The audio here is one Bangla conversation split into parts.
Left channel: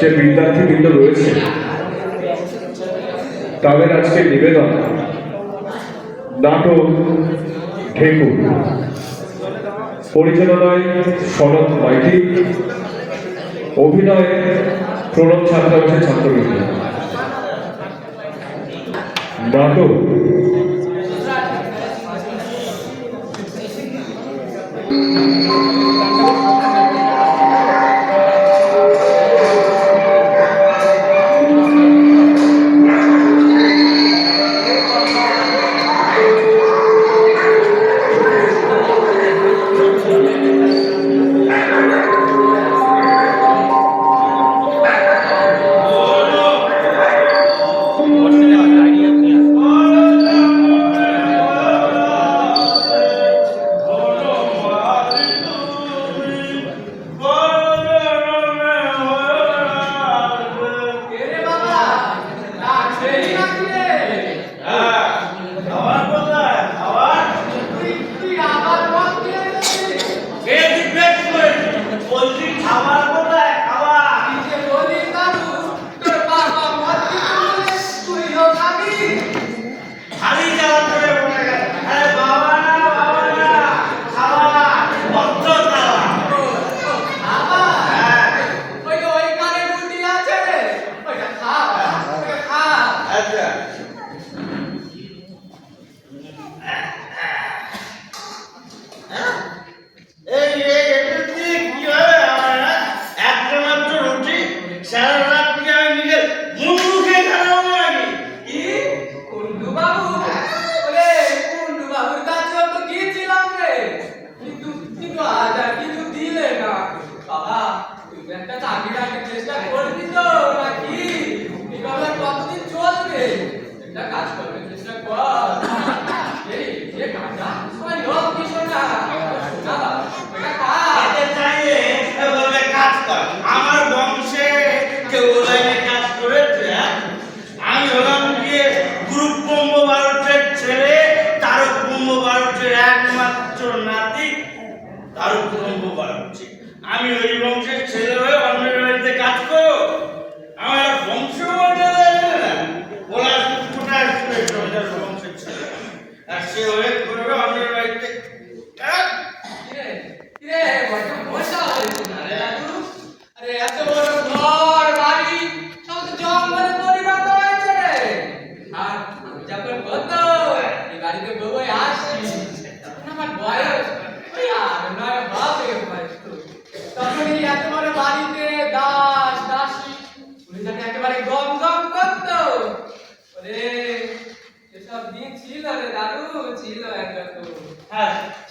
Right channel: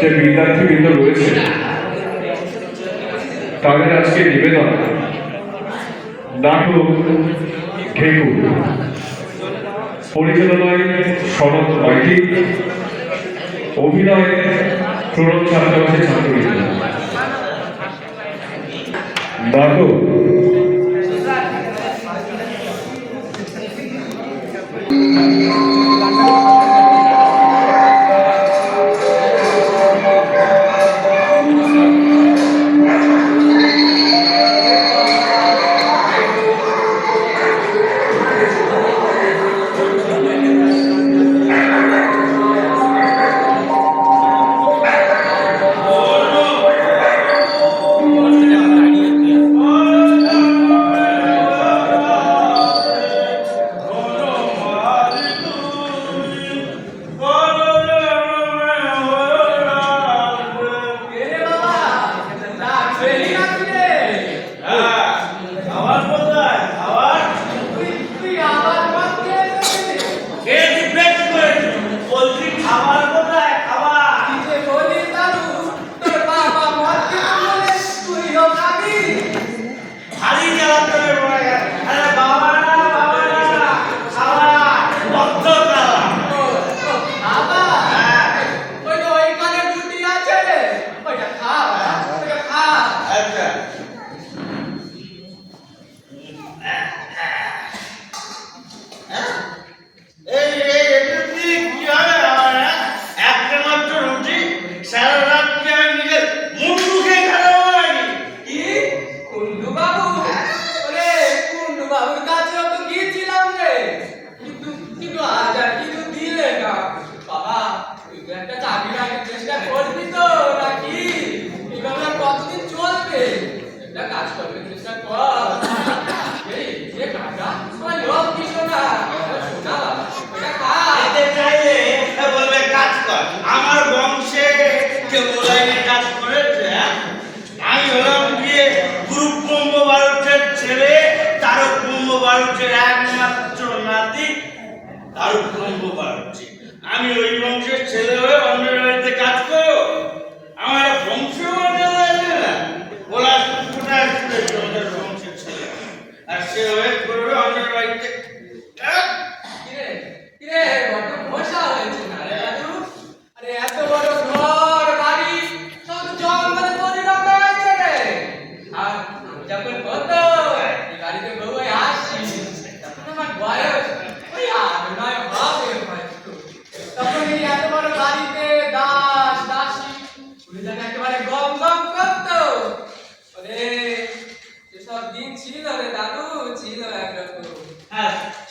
যে বিদ্যার্থীবৃন্দ রয়েছে তাদের আজকে নিবেদন নাটক ঢেকু, পরিচালনায় শরৎ মাইতি, অভিনয় প্রণব ছাত্রাবাসের ছাত্রবৃন্দ। নাটক আমার বংশে কেউ লাইনে কাজ করেছে। আমি হলাম গিয়ে গ্রুপ ব্রহ্ম বারুটের ছেলে, তারক ব্রহ্ম বারুটের একমাত্র নাতি তারক ব্রহ্ম বারুটে। আমি ওই বংশের ছেলে হয়ে অন্যের বাড়িতে কাজ করো? আমার বংশ ওরা বংশের ছেলে, আর সে হয়ে করবে অন্যের বাড়িতে।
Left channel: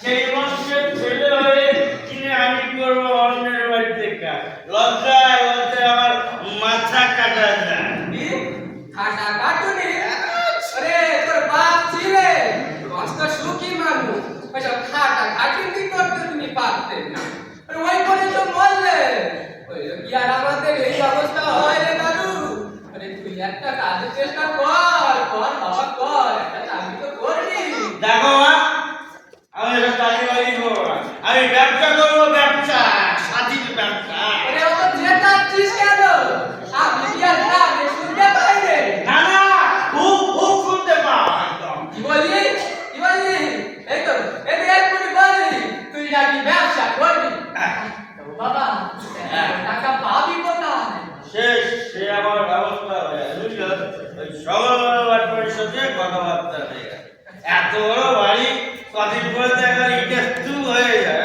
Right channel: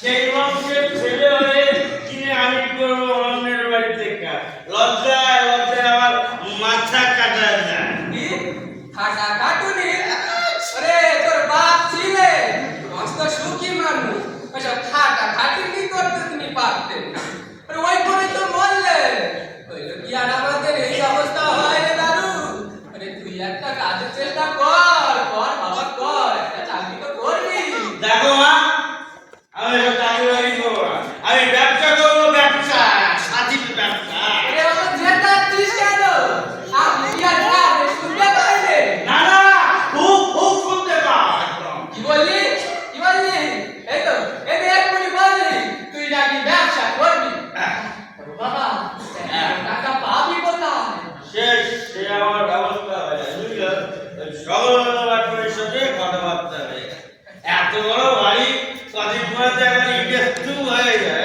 সেই বংশের ছেলে হয়ে কিনে আমি করবো অন্যের বাড়িতে কাজ? লজ্জায় লজ্জায় আমার মাথা কাটা যায়। খাটা কাটুনি? আরে তোর বাপ ছিলে কষ্ট সুখী মানুষ, ওইসব খাটা খাটুনি করতে তুমি পারতেন না। আরে ওই করে তো বললে হইলো কি আর আমাদের এই অবস্থা হয় রে দাদু? আরে তুই একটা কাজের চেষ্টা কর, কর বাবা কর, একটা চাকরি তো করবি। দেখো মা, আমি এসব চাকরি বাকরি করবো না, আমি ব্যবসা করবো, ব্যবসা স্বাধীন ব্যবসা। আরে অত জেতাচ্ছিস কেন? আপনি কি আর কাজে শুনতে পাইলে? না না, খুব খুব শুনতে পাও একদম। কি বললি? কি বললি? এই তো এই এক্ষুনি বললি তুই নাকি ব্যবসা করবি। তো বাবা টাকা পাবি কোথায়? সে আমার ব্যবস্থা হয়ে গেছে, বুঝলো? ওই সকল পরিষদে কথাবার্তা হয়ে গেছে। এত বড় বাড়ি কদিন পরে তো একবার ইটের স্তূপ হয়ে যায়।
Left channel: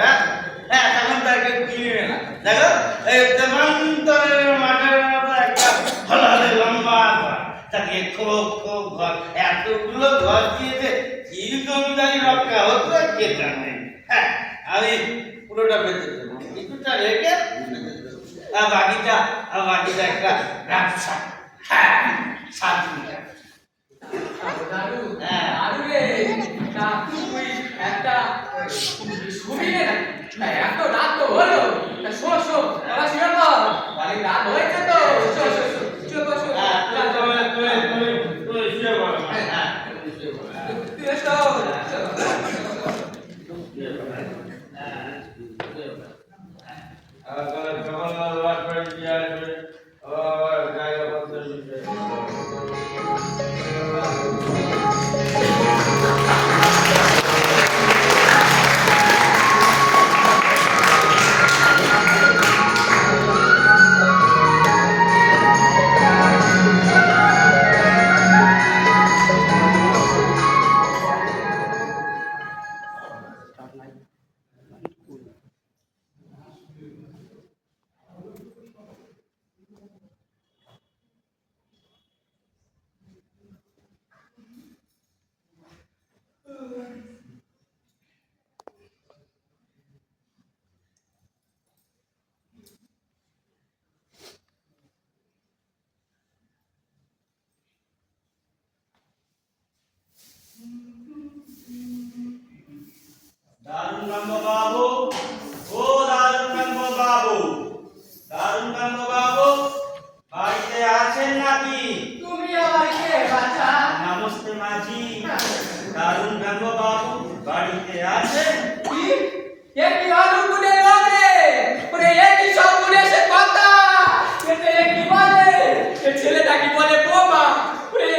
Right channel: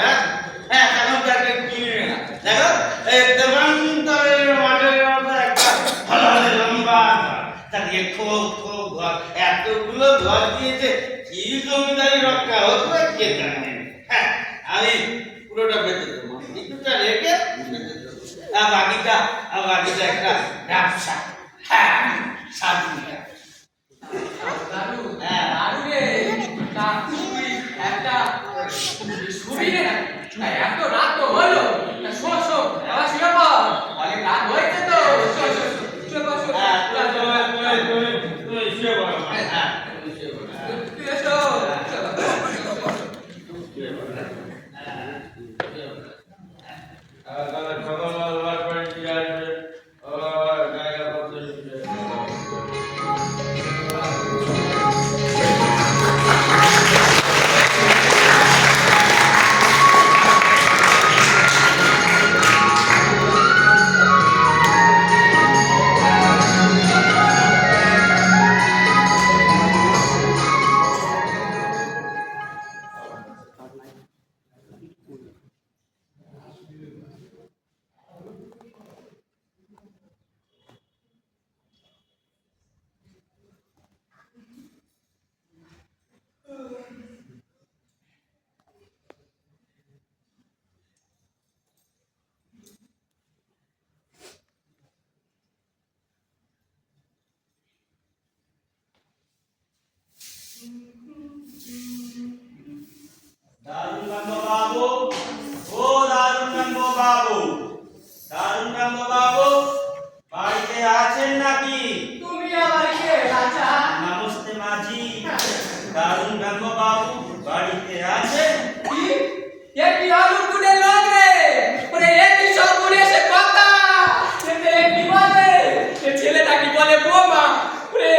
হ্যাঁ, তখন তাকে কিনে না। দেখো এই দেবান্তরের মাঠের মতো একটা হলহলে লম্বা ঘর, তাকে খুব খুব ঘর, এতগুলো ঘর দিয়েছে, কি জমিদারি রক্ষা হতো কে জানে। হ্যাঁ, আমি পুরোটা বেঁচে দেবো, কিছুটা রেখে বেঁচে দেবো, আর বাকিটা একটা ব্যবসা। হ্যাঁ, স্বাধীন দাদু দাদু রে, তা তুই একটা সুবিধে না এত রাত তো হলো, শো শো আবার শুয়ে পড়, অনেক রাত হয়েছে তো, শো শো শুয়ে পড়, তুই শুয়ে পড়। হ্যাঁ, তুই এসো। জায়গাপত্র দারুণ বাবু, ও দারুণ বাবু, দারুণ বাবু, বাড়িতে আছেন নাকি? তুমি আবার কে বাচ্চা? নমস্তে মাঝি। দারুণ বাবু বাড়িতে আছেন? কি এ কি অলুকুনে লোক রে? ওরে এ কি সব বলে সে কথা? এতে এ কি বলে? এ ছেলেটা কি বলে বোমা? ওরে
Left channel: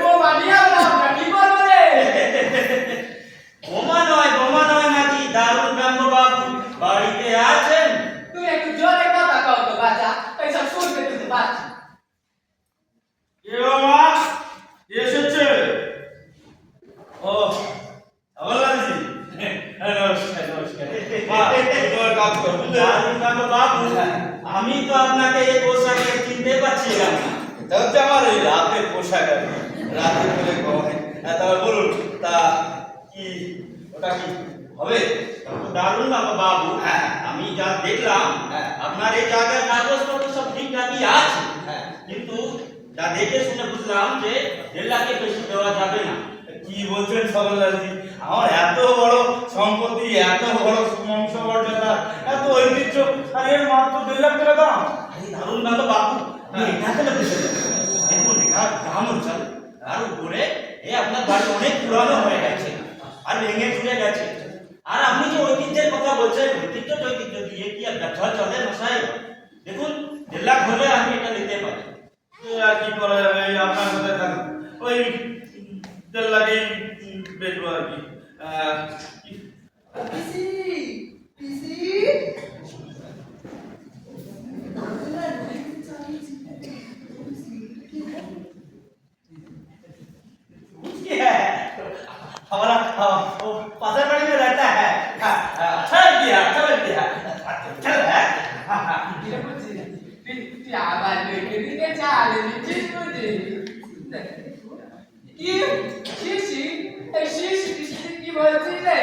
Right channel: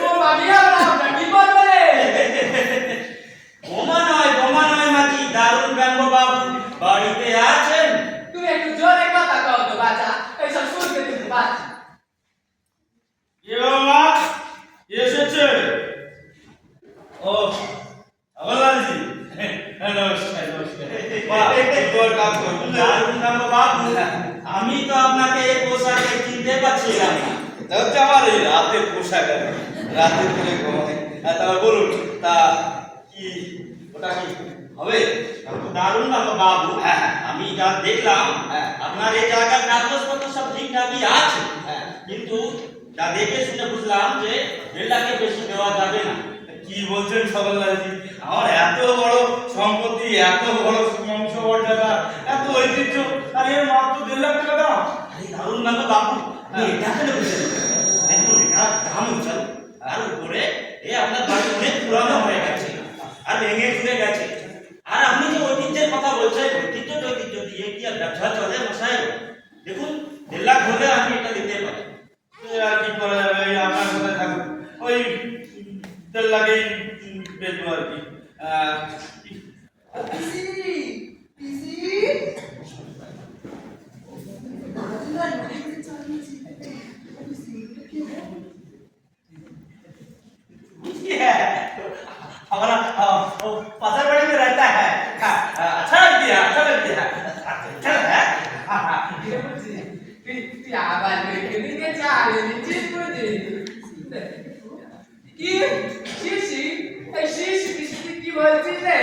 বোমা দিয়া না কি করবে রে? বোমা নয় মাঝি, দারুণ বাবু বাড়িতে আছেন? তুমি একটু জোরে কথা কও তো বাচ্চা, এইসব শুনতে তুমি বাচ্চা। কে মা এসেছে? ও আওলাদি, নমস্কার নমস্কার। মা তোর কাজ কর। দারুণ বাবু, আমি তো আপনাকে এই পোশাকে চিনতে পারছিলাম না। এটা হচ্ছে আমার এই রাতের পোশাক আর কি। রাতের করে ঘুমাই। তারপর বলুন, তা কি ওটা কি হবে? দারুণ বাবু, আমি যা দেখলাম আপনার এই জায়গার কাগজপত্র সব ঠিকঠাকই আছে, কিন্তু যা দেখে শুনে বুঝলাম যে 1.5 লাখের বেশি দেওয়া যাবে না। কি বলছেন সকলদারজি? আমার এত বড় সম্পত্তি, এত বড় বংশমর্যাদা, এত ঐতিহ্য, আর এর মাত্র 1.5 লাখ টাকা দাম? আরে দারুণ বাবু, আপনি এটা কেন বুঝলেন? দেখুন এটা গ্রাম অঞ্চল, তার উপরে আপনার বাড়ি অনেক পুরানো হয়ে গেছে আর ভেঙে চুরে গেছে। আর আপনি যে ঐতিহ্যের কথা বলছেন, ঐতিহ্য দিয়ে কি আর ব্যবসা চলে মশাই? দেখুন 1.5 লাখ হলে আমি এটা নিতে পারি। আর কি করা যাবে? এই আপনার কোথায় থাকুন, ওই 1.5 লাখেই বেচবো আর কি। পিসি পিসি हमारा वो पासर बाड़ी में रहता है। अच्छा लग गया, अच्छा लग गया, अच्छा है। ये बुझी তুই আবার লেখে দিকে চালে নিচ্ছিস বুঝি কি শিশি এই শিশি শিশি কি বলছিস রে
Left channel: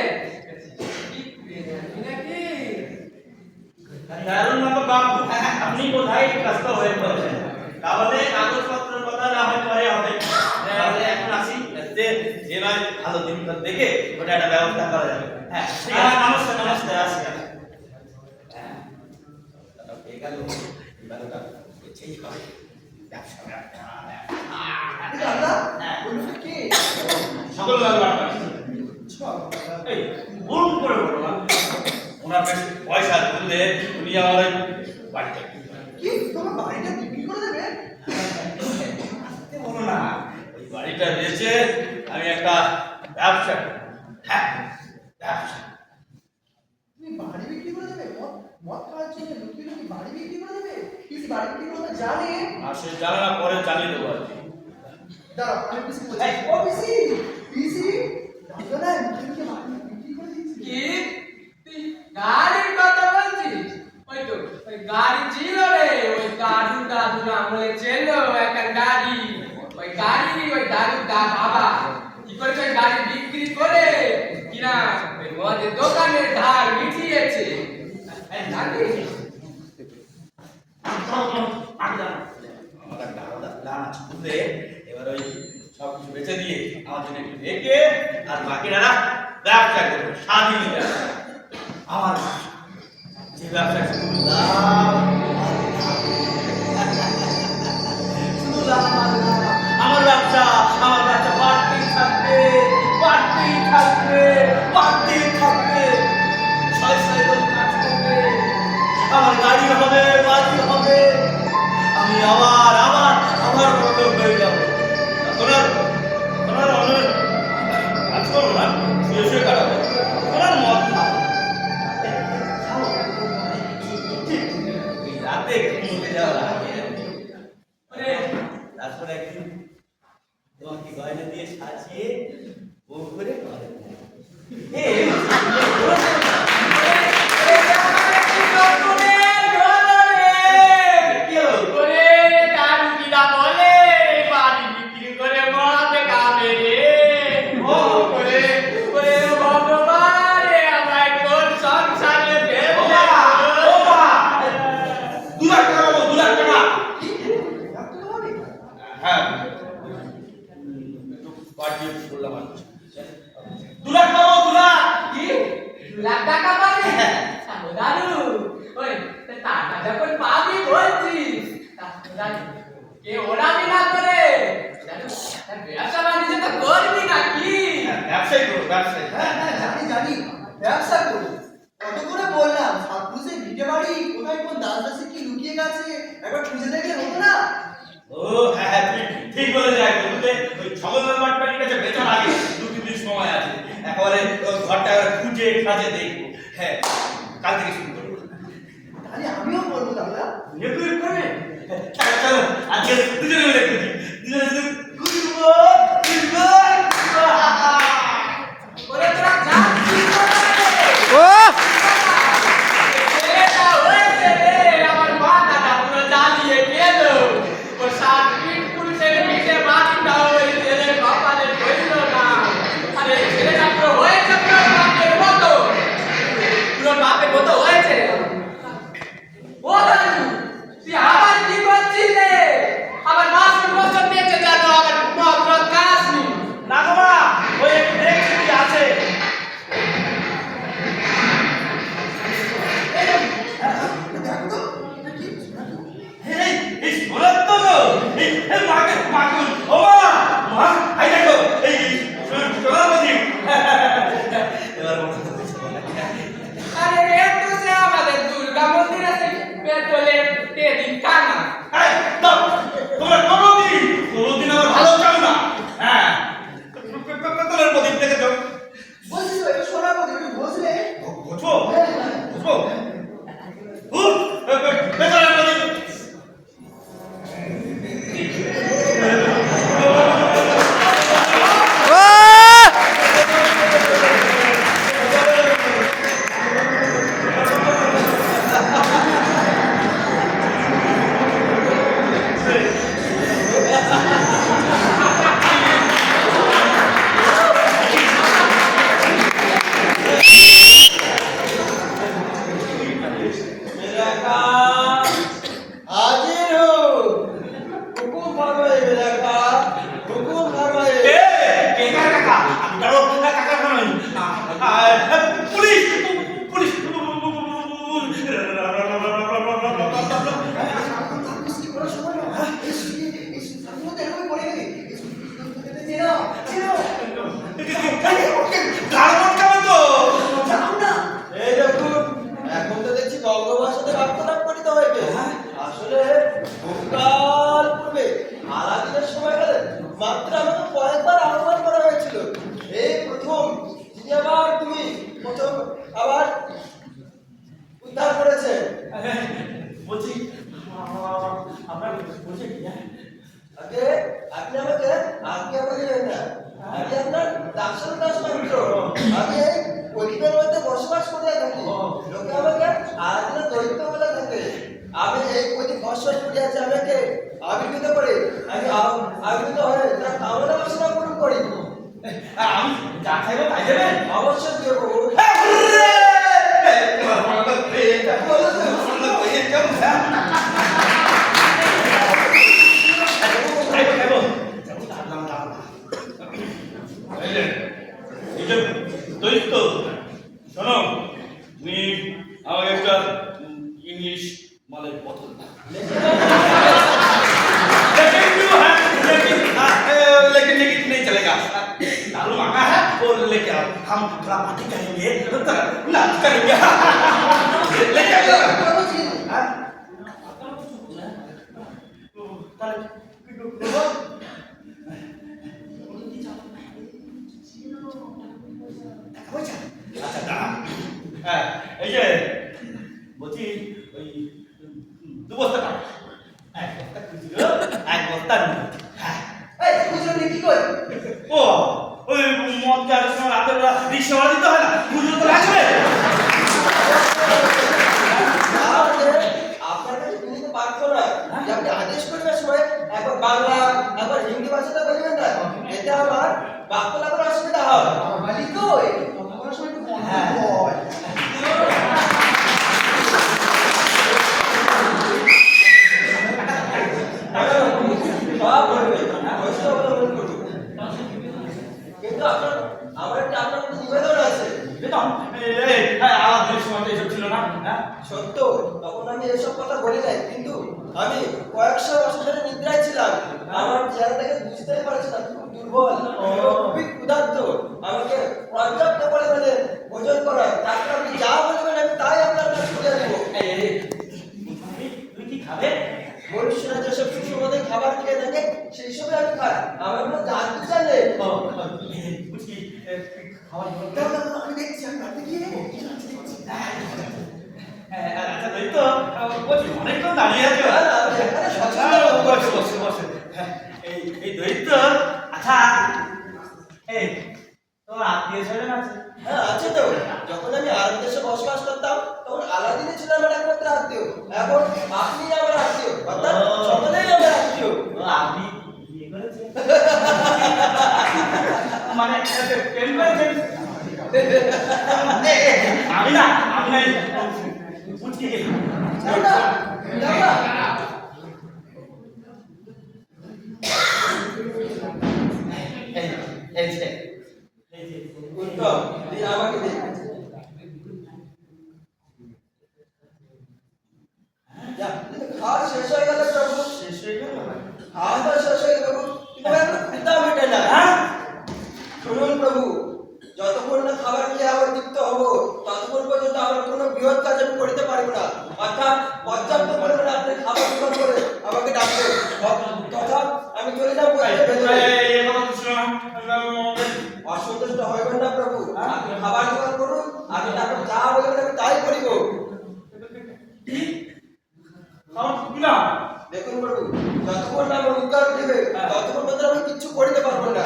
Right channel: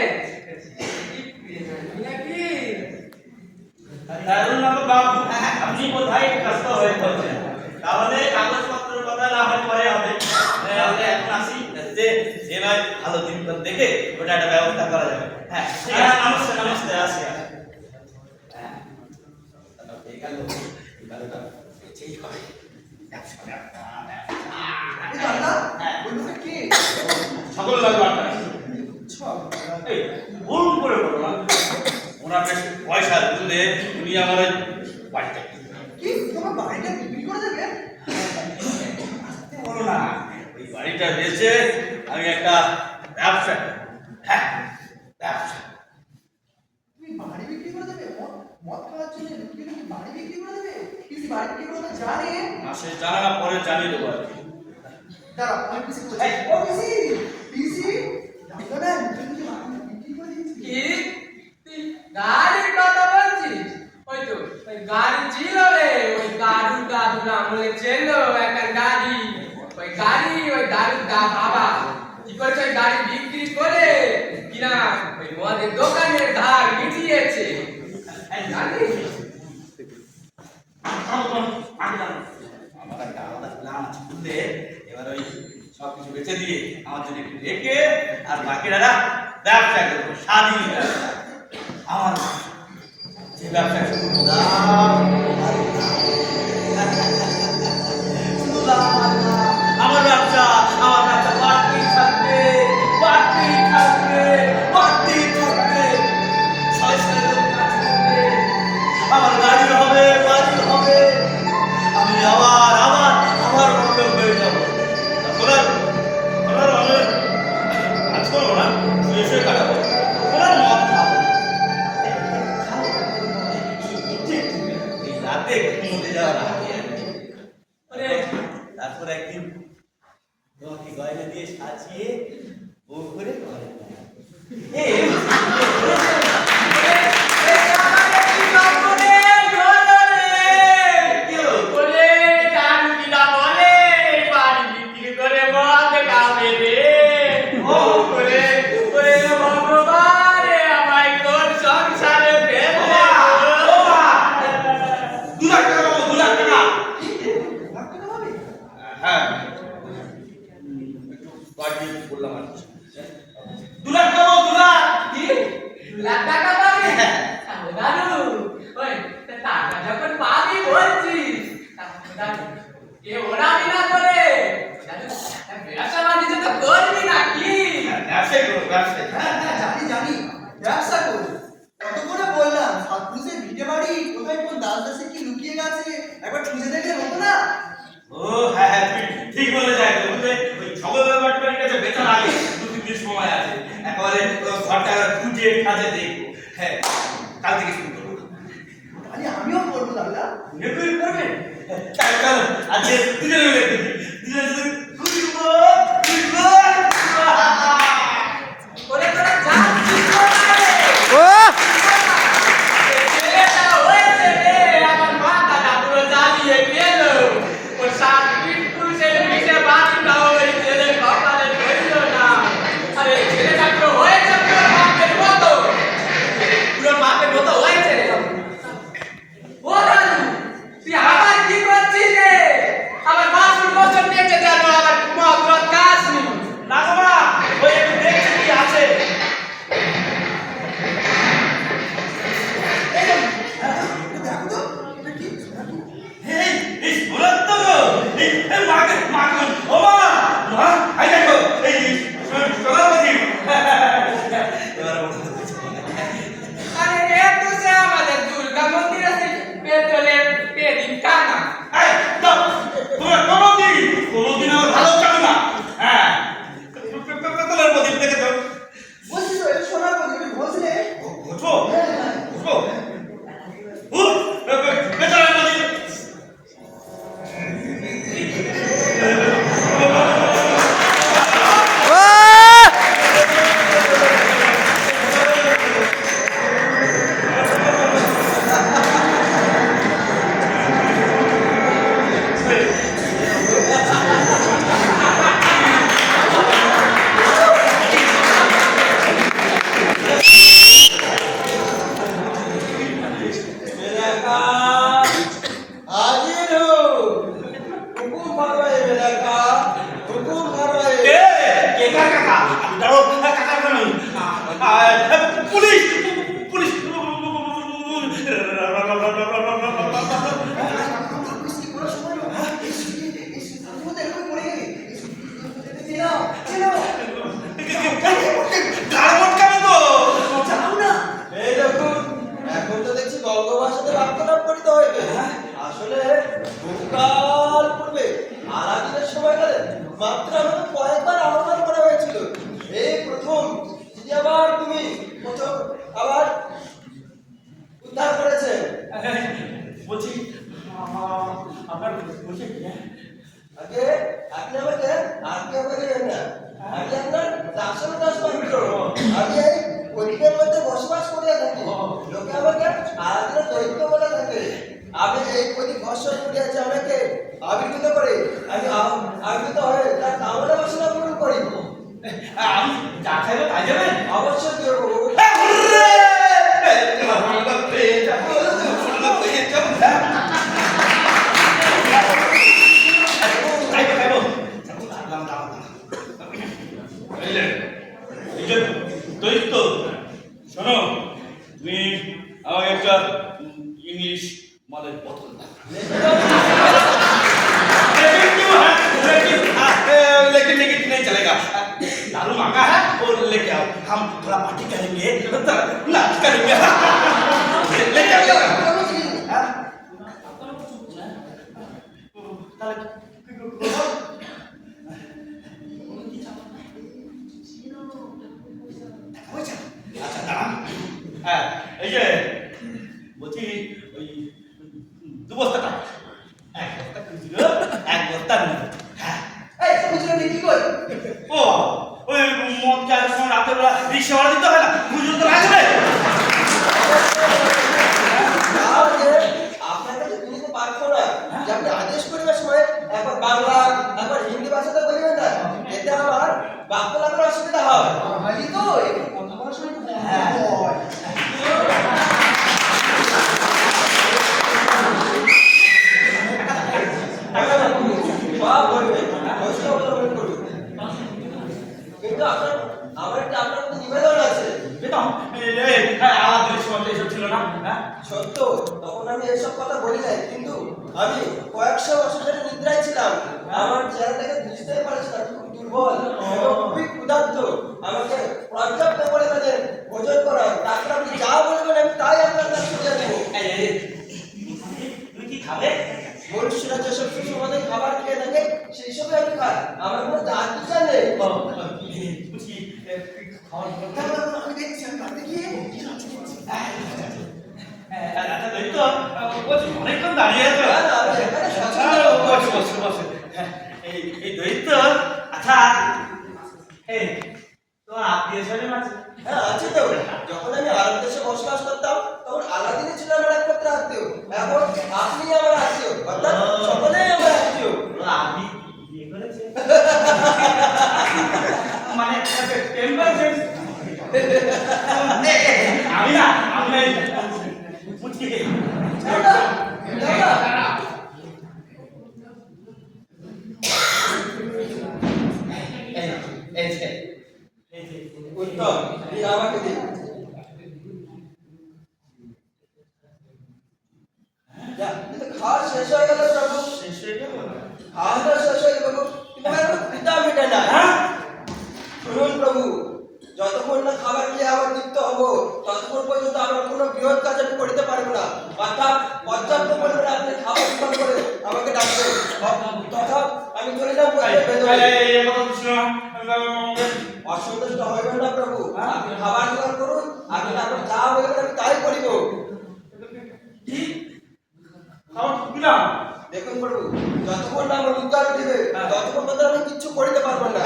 নাকি দারুণ বাবু, আপনি কোথায় ব্যস্ত হয়ে পড়েছেন? তাহলে কাগজপত্রের কথা না হয় পরে হবে, তাহলে এখন আসি। যে নয় ভালো দিন দেখে ওটা একটা ব্যবস্থা করা যাবে। হ্যাঁ নমস্তে আসি। সকল লাগবে আপনার। এই বলুন করে বলো না, ওনার কাছে পয়সা দিলে উনি আমার বাড়িটা কি তোমার বাড়িটা বিক্রি করে দেবে? বলো না, ওই বাড়িটা বেচে আমি একটা ব্যবসা, হ্যাঁ ব্যবসা। তুমি বাড়ি বিক্রি করে দেবে? মদ খাওয়ার জন্য লুকিয়ে লুকিয়ে বাড়ি বিক্রি করে দেবে? পিসি বাড়ি বিক্রি করে জানে? সে জানা না, পরে জানিয়ে দেবো আর কি। দাঁড়াও আমি পিসি বলছি। ও পিসি পিসি জানো না লুকিয়ে লুকিয়ে বাড়ি বিক্রি করে দিয়েছি। কি তুই গাড়ির কথা বলছিস ওই তো ওই গাড়ি ছিল রে ওই দাদুর আমলে ছিল একটা গাড়ি ওই দাদুর বাবা কি করেছে ওই গাড়ি বিক্রি করে কিনা ওই মদের দোকানের ধার মিটিয়েছে জানিস আমার একটা আলাদা প্ল্যান আছে বুঝলে। এবার ওই সব কিছু বেঁচে দিয়ে আমার জন্য একটু রেখে আর বাকিরা ব্যবসা করবো, স্বাধীন ব্যবসা। আমার যে ব্যবসা শুধু লাভ আর লাভ। শুধু লাভ আর লাভ। আমার ব্যবসা বাড়তেই থাকবে, বাড়তেই থাকবে, বাড়তেই থাকবে। 6 লোক কাজ করবে, আমার গাড়ি হবে, বাড়ি হবে, আমি ঘুরতে যাওয়ার আগে ওরে তারপর একদিন তোমাকে গয়না দিয়ে সাজিয়ে বউ করে ঘরে নেয়। কি হলো? হ্যাঁ একটু বাড়িয়ে বললাম আর কি। 2 লাখ পাবো 2 লাখ। কি? 2 লাখ টাকা পাবে? দাদু, ওই টাকা যখন পাবি বলছিস, দাদু কে ওরামি না করে, দাদু ব্যবসা বাণিজ্য তো করবি নাকি? ব্যবসায়ী করো ব্যবসায়ী। হ্যাঁ হ্যাঁ জানি ব্যবসা করি। কত করে বললাম সাতপুরের ভিটে বাড়ি কোথায় কোন দাসদাসে কি লুকিয়ে গেছে একবার খুঁজে দেখলে হতো না? ও হ্যাঁ হ্যাঁ তুমি ঠিক বলে যাই বলতে ওই ছগলের বাটপাড়ির কাছে বেচার আগে 2-3 দিন সময় আছে একেবারে ঘরটা খুঁজে খাজে দেখবো। হ্যাঁ কাল থেকে শুরু করবো। তাহলে আমিও করবো দাদা। তুই করবে? চলো চলো আজকে দুজনে মিলে খুঁজি দুজনে খুঁজবো খুঁজবো। ওরে তোরা যাচ্ছিস কোথায়? ছেলেটা হয়েছে রে, আমার মাথাটা পুরো জ্বালিয়ে গেল। ও 7 ফিট পুলিশের পিঠে বাড়িটা ওই ছেলের কপালে ধরল না। আরে ছেলেটা পুরো হয়েছে পুরো বাপের মতো, পুরো বাপের মতো হয়েছে রে। ও দাদু, তুই আবার কি করছিস রে? আমার বাসুর বছর নিয়েছে জানো, আমার মগ্র কাজ নেই। না বাবা ওই একটু দেখছি কি আছে। দেখো তো এটা কি সোনাটু? এই এই শোনার তো এই মাকে মাকে ও মা আই দেখো এই শোনার প্রদীপ। এবার মনে হচ্ছে আরে রে তো সে আমাদের দুর্গা মন্দিরে সেই পেট্রোলের পেদিন টানা। এই দাও তোমরা কোনোদিন আমার ভালো চাও না। হ্যাঁ পেতলের প্রদীপ দেখে দাও। বলছি তো এটা সোনার মধ্যে তুমি ঘষলে? ঘুষবো ঘুষবো পেতলের প্রদীপ। हाजिर हो हुकुम फरमाए मेरा का हुकुम फरमाए কে কার কাকা দাঁড়ো কাকা নয় পুলিশ পুলিশ বৃষ্টি পড়ার সময় না এই সাথে মধ্যে এভাবে পড়ে গেলে চেনাও চেনাও গাড়বট কেমন তো জানো না? এই দেখুন এখন তো দেখছি গঙ্গবার সাথে বার্তালাপ করিতে হইবে আসলে বহুকাল পূর্বে আলাদিনের সময়কালে মাত্র আমাকে কয়েকবার আহ্বান করা হয়েছিল এই প্রথম যিনি আবার তুমি প্রথম আবার উদ্ধার করেছে বলছি আপনার বলছি আগে আপনি আমাকে না আমি আপনার দাসন দাস মাত্র আমি এই পরিবারের মধ্যে বসবাস করে থাকি লোকে আমাকে আলাদিনের দৈত্য বলে থাকে আমি এই প্রতি ভরসা করিয়াছে আমাকে আবির্ভূত করে আমি আবির্ভূত হয়ে তার কামনা বাসনা পূরণ করি আমি যা চাইবো তাই যাবেন অবশ্যই দেবো শোনো তুমি আমাকে একটা ইংলিশ মালের বোতল দাও। लेकिन नहीं चलेगा दारू मांगा है और लेके आओ हम थोड़ा पार्टी करेंगे नाच करेंगे लेके आओ এই যে বলছি ওই 2 বস্তা টাকা চিকিৎসা ভাড়া দিতে হয় না, পুজো তো লাগবে। তাহলে আপনার কাছে বুঝতে পারছো না যে আপনি আদেশ করবার সময় একবার বাংলা একবার হিন্দি ভাষাতে বলবেন না, এতে আমার বাক্য লাগার অসুবিধা হয়। বাঙালি তো একটু কথা বলার সময় একটু বন্ধ হয়। সব বলবে, কষ্ট অবলম্বন করুন। কিন্তু আমার একটা আপনার কাছে নিবেদন আছে। বেতন আলাদা সময় তো এসব ছিল না। হ্যাঁ সত্য, তখন আমি এসব কথা বলি নাই, কিন্তু আমি কয়েকশো বছর ধরে নিদ্রায় ছিলাম। আমার চেহারা দেখে বুঝতেই পারছিলাম খুব দুর্বল এবং খুবই ক্ষুধার্ত। আমাকে পর্যাপ্ত পরিমাণে ভোজন করার, তারপর আপনি যা বলবেন আমি তাই আপনার কাছে দিয়ে দেবো। তুই কি খাবে? মনুষ্যরা যেসব সুষমাদের খাবার খেয়ে থাকে সেই সবই আমি খাই, আমার কোনো জাত বিচার নেই। বুঝি দাও, দাও, দাও, আমি দেখছি, আমি বাড়িতে গিয়ে আচ্ছা দৈত্য, বলছি অনেকক্ষণ দাঁড়িয়ে আছো। না, না, আমি এখানে সচেতন। বসে বসে বসে। এই দৈত্য, আচ্ছা এই তোমার আত্মীয় স্বজন আছে? হ্যাঁ আছে তো। যখন আমি আরব দেশে বসবাস করতাম তখন আলাদিনই ছিল আমার একমাত্র আত্মীয়। এখন আপনি আমার আত্মীয়, অর্থাৎ সকলেই আমার আত্মীয়। ও আপনি বিয়ে করেছে? মানে প্রেম করেছেন? আমি না বুঝতে গেছি। যাও না, যাও না। এই যে উত্তম, এই আমাকে দিন। যা, কিন্তু খাওয়া শেষ হয়ে গেল প্রভু। শেষ হয়ে গেল? খাওয়া তো শেষ হয়ে গেল প্রভু, কিন্তু আমার এখনো ক্ষুধা মেটে না। হ্যাঁ? শুনুন প্রভু, যতক্ষণ না খাবার খেয়ে আমার তৃপ্ত হবো ততক্ষণ পর্যন্ত আমার কোনো বৃহৎ কাজ আমি করিতে পারবো না। অর্থাৎ পর্যাপ্ত পরিমাণে আপনি খাবার জোগাড় করে আমাকে ডাকবেন, তথা আমি চলে যাবো। এই কথা তো ছিল না। অসন্তুষ্ট হইবেন না প্রভু, আপনি খাবার জোগাড় করুন, আপনি তারপর যা বলবেন আমি তাই করিব। কি? খাবার দিলাম? দেখুন প্রভু, যতক্ষণ না আমার উদ্ধার দিবে ততক্ষণ পর্যন্ত আমি কিচ্ছু করিতে পারবো না।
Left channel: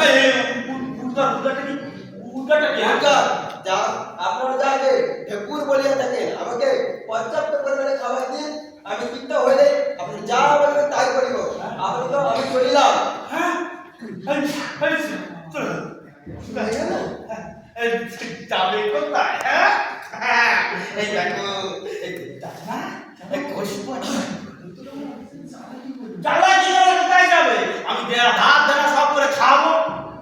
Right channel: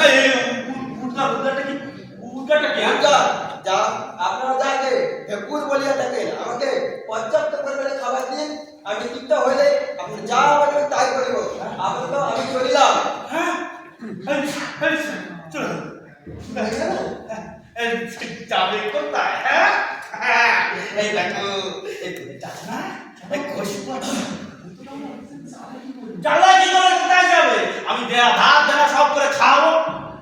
উদ্গারটা কি? উদ্গারটা কি? উদ্ধার, যা আপনারা যাকে ঢেকুর বলিয়া থাকেন, আমাকে পর্যাপ্ত পরিমাণে খাবার দিন, আমি তৃপ্ত হইলে আপনি যা বলবেন তাই করিব। আপাতত আমি চলিলাম। হ্যাঁ? চলো। হয়ে গেল? যাবে কোথায়? হ্যাঁ? এই দেখো, এই যাচ্ছে না? এই কষিপাটি। জ্বালা কি করে কোথায় যাবে? আমি দেয়া ধার দেনা সব করে খাবো,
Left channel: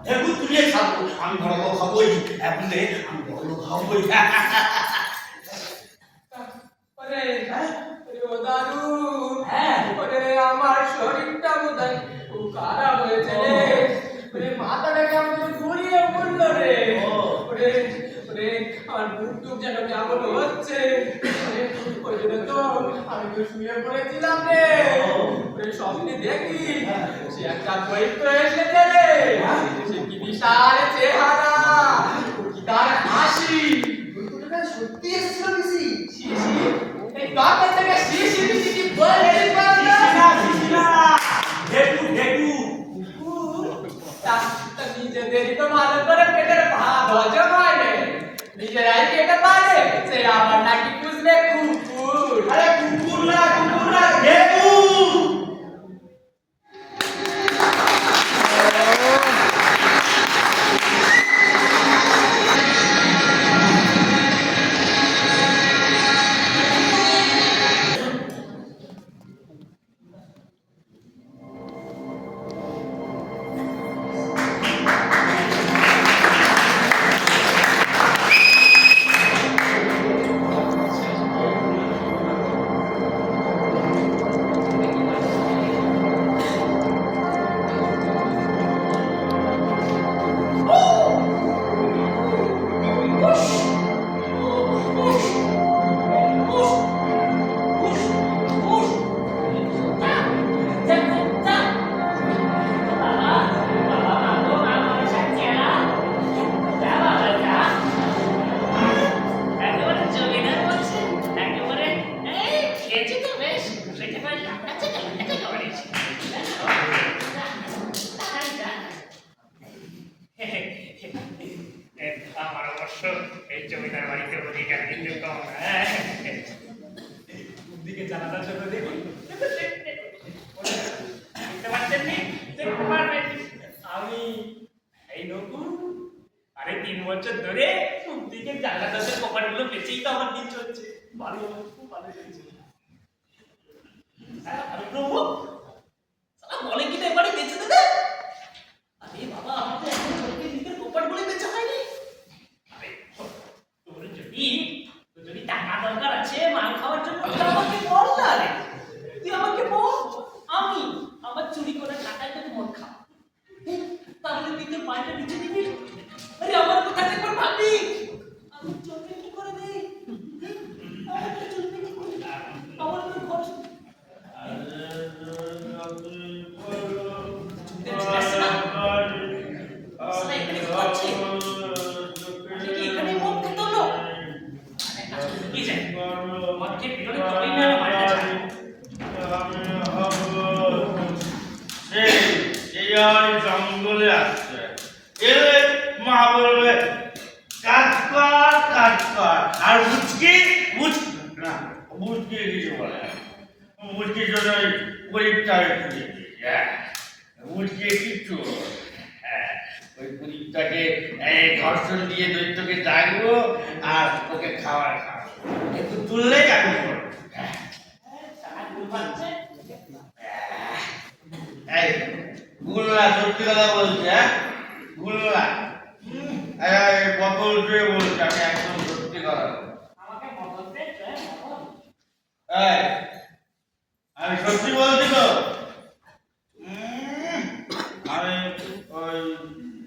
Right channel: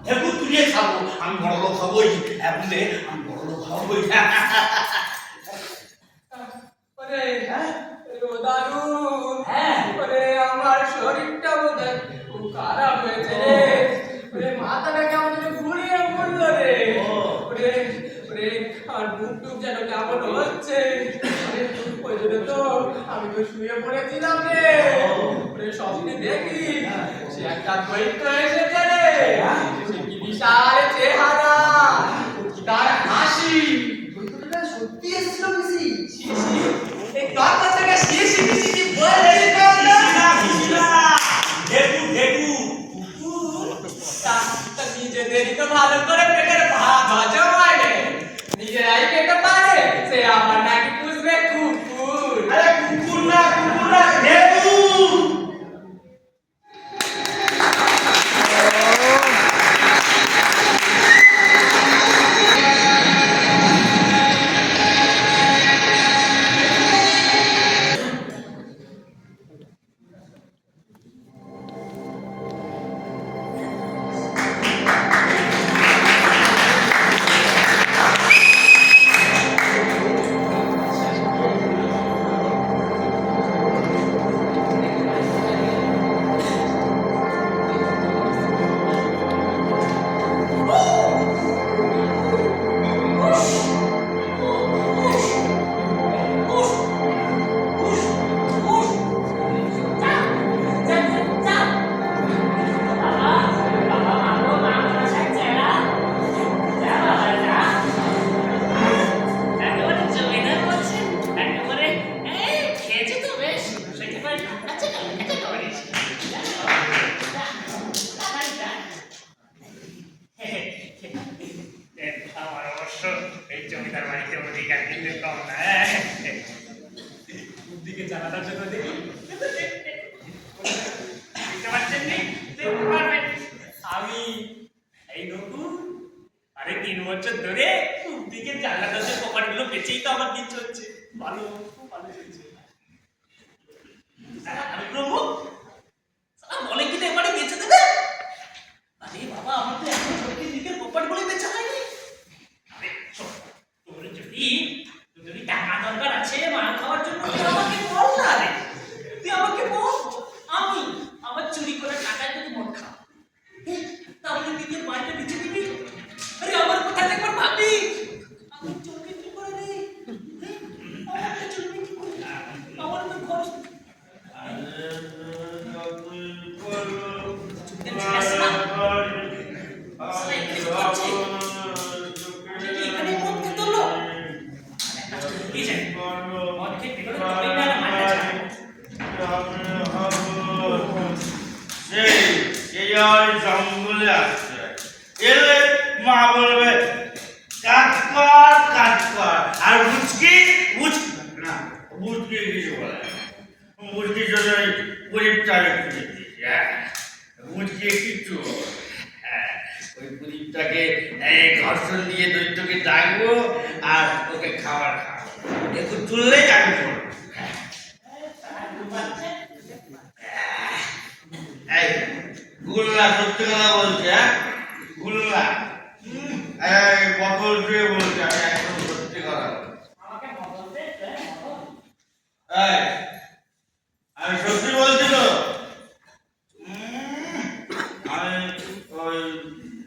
ঢেকুর তুলিয়ে খাবো। আমি বড় লোক হবই, এমনি আমি বড় লোক হবই। ওরে ও দারুণ, হ্যাঁ। ওরে আমার শরীরটা বোধহয় খুব খারাপ হয়েছে রে। ওরে মাথাটা কেমন যেন ঘুরিয়ে পড়লো রে। ওরে ওরে আমার বুক টুক যেন কেমন হচ্ছে। ওই জন্য তো আমি তো শুয়ে পড়েছিলাম রে। ওরে স্বপ্নে দেখি সে একটা দৈত্য এসেছে রে। সে কি বিশাল চেহারা, কি তার হাসি। বৈকুণ্ঠটা সত্যি এসেছিল পিসি। শিশি, এই দরজা থেকে শিশি পিশি কি বলছিস বলতো? তা নিজেদেরই তো ভালো করে পেটের ভাত হজম হয় না। নিজেরাই পেটে পারে, সে আবার নাকি বুঝবে কুকুর। আরে কুকুর না ঢেকুর। আপনি দেখতে পারবেন আমি এই নতুন আরে 3 বছর ধরে দিকে জানলা দরজার কপাটগুলো বেঁচেই তো আমার দিন চলছে ভালো খুব ভালো চলছে আমি প্রভু সারা বলে কি এবারে বেঁচে দেবে আরে বাবা আমার তো এখন সত্যি দিকের কপাটগুলো বেঁচে হয়নি আরে তোর যদি টাকা দরকার আছে মাল খাওয়ার জন্য তুই আমাকে বল না রে তুই আমাকে বল আমি আমার চুরি করে টাকায় তুই মদ খা তাহলে দিকে পাঁচটা নিচে দিবি আরে আমার কথা একবার ভাবি আমি চলবে কি করে রে আমার তো চলবে কি করে আমার তো খরচ জঙ্গলে আসছে এলে মা বলবে কাজ কর আর বুঝকি না বুঝকি কিছু বলে বুঝকির জন্য গরিবটাকে খুঁজে দিয়েছে বুঝকি কিচ্ছু ওই গরিবটাকে ঘর্ষণ দিয়ে দৈত্যকে ডাকবো আর ওকে খাবার খাবো একটু তুললেই আমি করবো এই গুল্লা সত্যি কথা বলছে গুল্লা বকল দিয়ে বলছে আমি একদম সত্যি কথা আমি সত্যি বলছি তো আমি ওই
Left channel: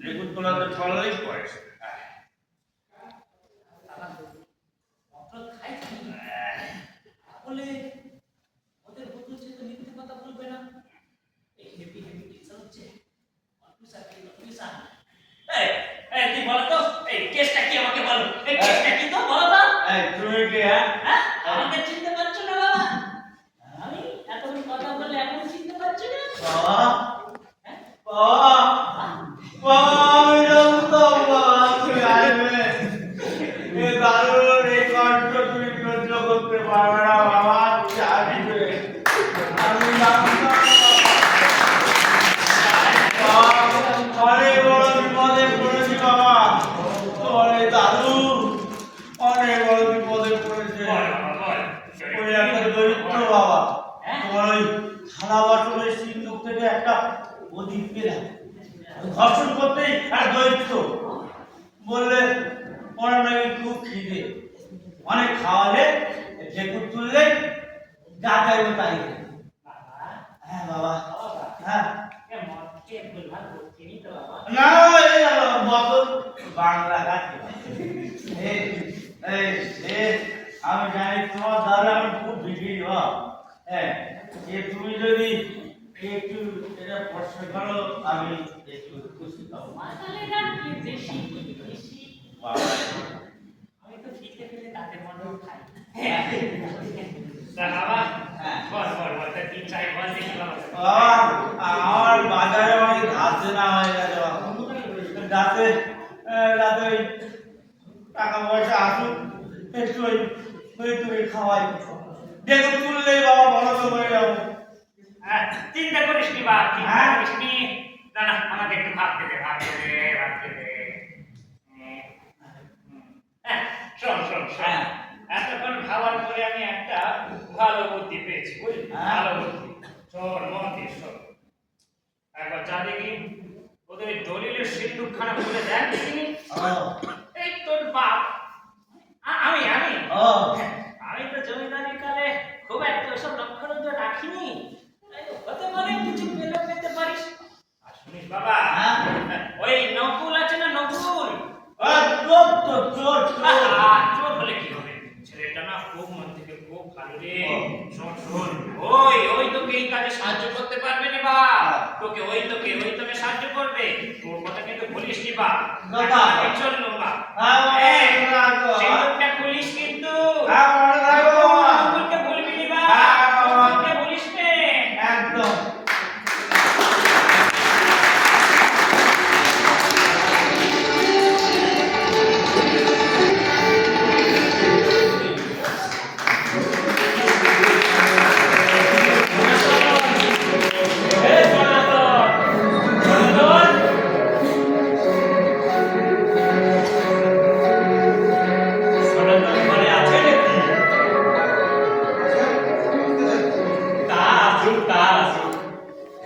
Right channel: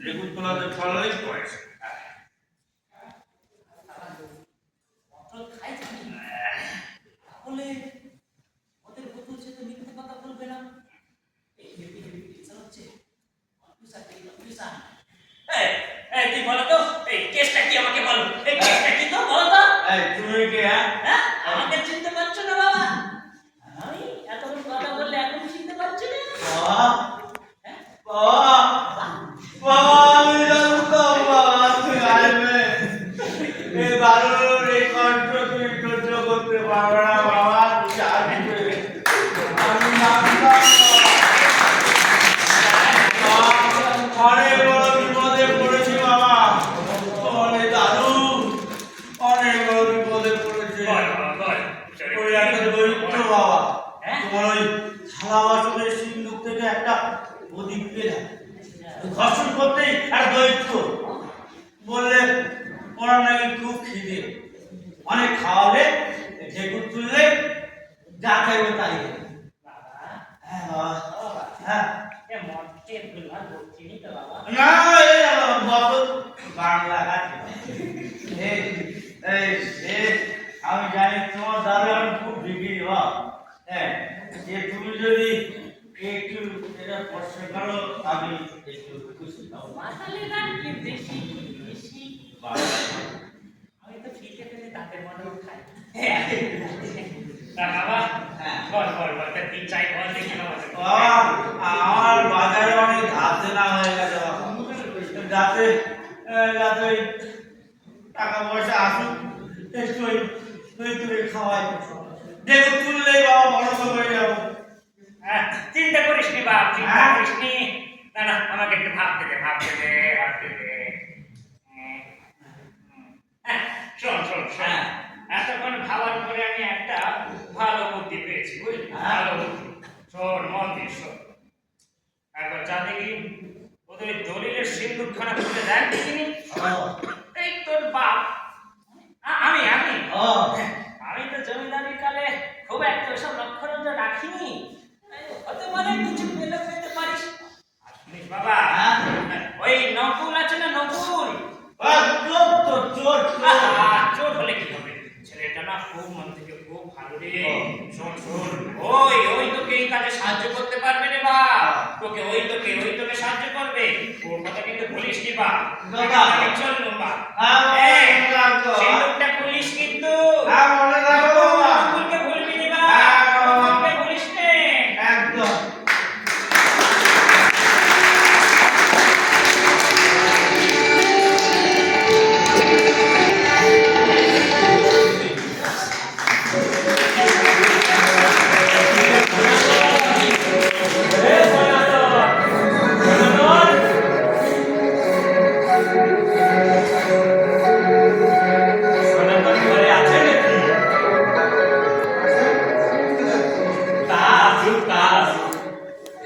রেগুতলাতে ফলেই পয়সা বলে ওদের বন্ধু যে মিথ্যে কথা বলবে না এই হেভি টেনশন হচ্ছে তুই বলো তো এই কেসটা কি আমাকে বল এই কেসটা কি তো বলো তো তুমি কি হ্যাঁ আমাকে চিনতে পারছো না বাবা আমি এতক্ষণ কথা বললে এখন চিনতে পারছো না করতে পারবে না বাবা অনেক বড় বিপদে পড়েছি বাবা অনেক দাদু অনেক বড় বিপদে পড়েছে ওই একটা দরিদ্র বাবা তোমার ওই থালা বাসনের সিন্ধুক থেকে একটা প্রদীপ পেলাম ঘর্ষণ করতেই একটা দরিদ্র বললে ওনার নাকি খুব খিদে অনেক খাওয়ালে ঢেকুর তুললে যা চাইবো তাই হ্যাঁ বাবা হ্যাঁ না বাংলা গাছে আমি জানি তোমার দাদা আমি খুব বিক্রি হ্যাঁ তুমি যদি একটু এটা প্রশ্ন করো আমি একটু খুশি পাবো আমি তো ফিকে ফেলে তাদের মনেও খাই বাবা বল তা 3-4 বল দেখি বাবা আমার বাজারে অনেক ধার দেনা হয়ে গেছে যাতে ওই টাকা পয়সা আসুক একটু ওই তুমি খাওয়াই দেখো তুললেই বাবা বড় হয়ে যাবো চিন্তা করিস নি বাপ চিন্তা করিস নি না আমাকে একটু ভাবতে দে শোন এতক্ষণ ভাবার পরে আমি একটা ভালো বুদ্ধি পেয়েছি বুঝলি ভালো বুদ্ধি শোন মন দিয়ে শোন একবার যা দেখি ওদের দলিলের সিন্ধুকখানা খুলে দেখ দেখিনি এই তোর বাপ আমি তো জমিদারি কালে খুব একটা ওসব লক্ষ্য নজর রাখিনি হতে পারে কিছু পেতে পারিস শুনিস বাবা ওই নকুল আছে না নকুল চোর হলে কি হবে ছেলেটা না খুব মন থেকে খুব ভালো রে শোন ওই তোকে এই কাজে সাহায্য করতে পারবে রে বা তোকে সাহায্য করবে তোর কথা কিন্তু বলিস নি বা চললো বা সিন্ধুকটা খুলিস কিন্তু নকুলকে ভুলবি নি বা বলিস নে একদম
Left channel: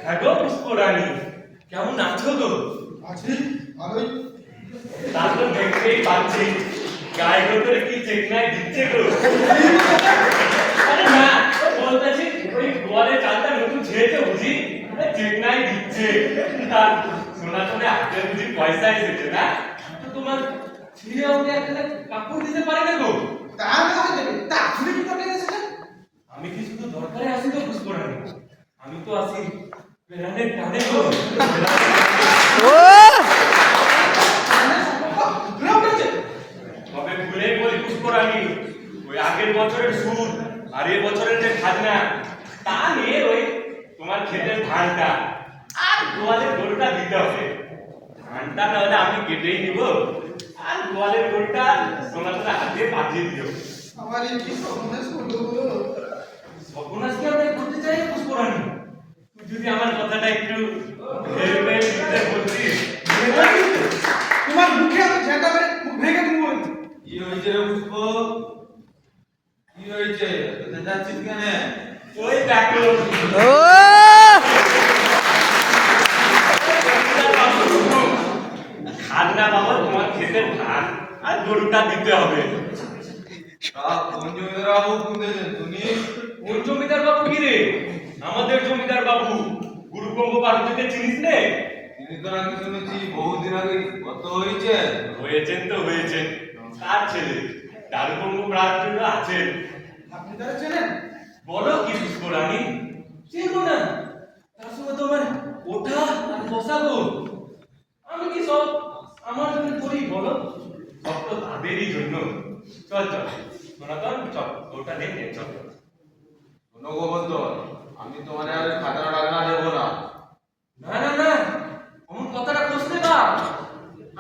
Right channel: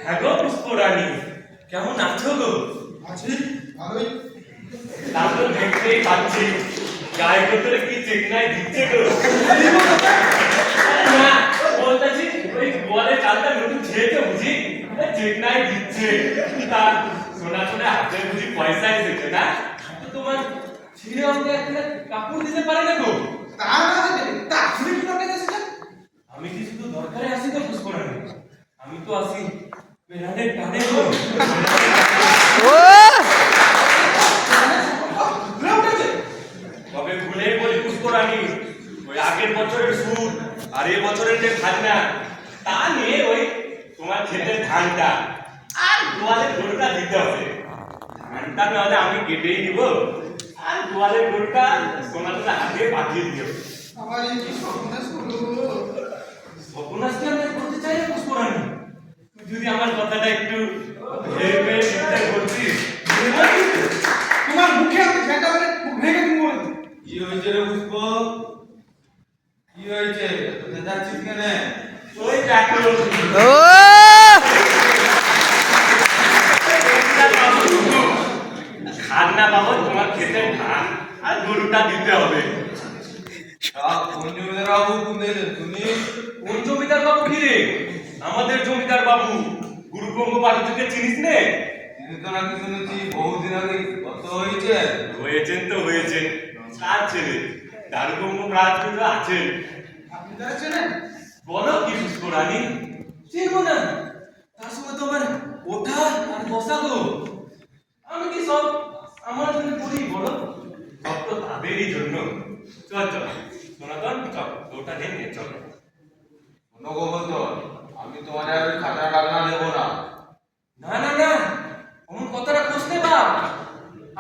হ্যাঁ গো পুষ্পরানী, কেমন আছো গো? আছি ভালোই। তা তো দেখতেই পাচ্ছি, গায়ে ভেতরে কি চেকনাই দিচ্ছে গো। আরে না, বলতেছি ওই গোয়ালে চালটা নতুন ছেড়েছে বুঝি, চেকনাই দিচ্ছে। তা শোনা শোনে হাতে বুঝি পয়সা এসেছে না? তো তোমার ছেলে আমাকে একটা কাপড় দিতে পারে না গো? তার মধ্যে দেবে তা তুমি কি করতে এসেছেন? আমি কি শুধু দরকারে আসি তো পুষ্পরানী? আমি তো আসি বেড়ানের টানে গো। তবে ভুলে বলি পুষ্পরানী, ওই আগের বছরের সুদ আর এই বছরের যে খাজনা, তা নিয়ে ওই তোমার ক্ষেতের ধানটা আর গোয়ালের গরুটা দিতে হবে। ধানটা না হলে আমি কেটেই নিব, আর গোয়ালের গরুটা সোনা সোনা হাতে পাঠিয়ে দিও। আমার এই কি সর্বনাশ হলো। সর্বনাশকে আমি করতে চাই না পুষ্পরানী, তুই যদি আমার কথাটা একটু ভেবে চিন্তে করতিস। তোমার মুখে আমি ঝেঁটা মেরে মুখ ভেঙে দিব বলে। কি হয়েছে রে পুষ্প? কি হয়েছে? তোদের যাচ্ছিস কেন? ওই কাকু খাজনা বাবা, তোমার ক্ষেতের ধান আর গরুটা দিতে হবে। কোন জমিদার বাবু হুকুম দিয়েছেন তুমি? কোন জমিদার বাবু কি রে? আমাদের জমিদার বাবু গুরুগঙ্গ বাবুকে চিনিস নে? তিনি তো নাকি শুনেছি বহুদিন আগে কত হয়েছে। হয়েছেন তো হয়েছেন, কার ছেলে দারুগঙ্গ রাজগুলো আছেন। আপনি তারা চেনেন? বলো কি পুষ্পরানী, চেনো না? তার সঙ্গে তোমার ওঠা আর বসা গো। আমি কি সব আমার জন্য করি বলো? সব তো তাদেরই জন্য। চল চল সনাতন, চল ওটা নিয়ে চল। শোনো গোবর্ধন, আমি তোমার আর খাজনা টাজনা দেবো না। না না না, অমন কথাটা খোঁজ নে বাপ।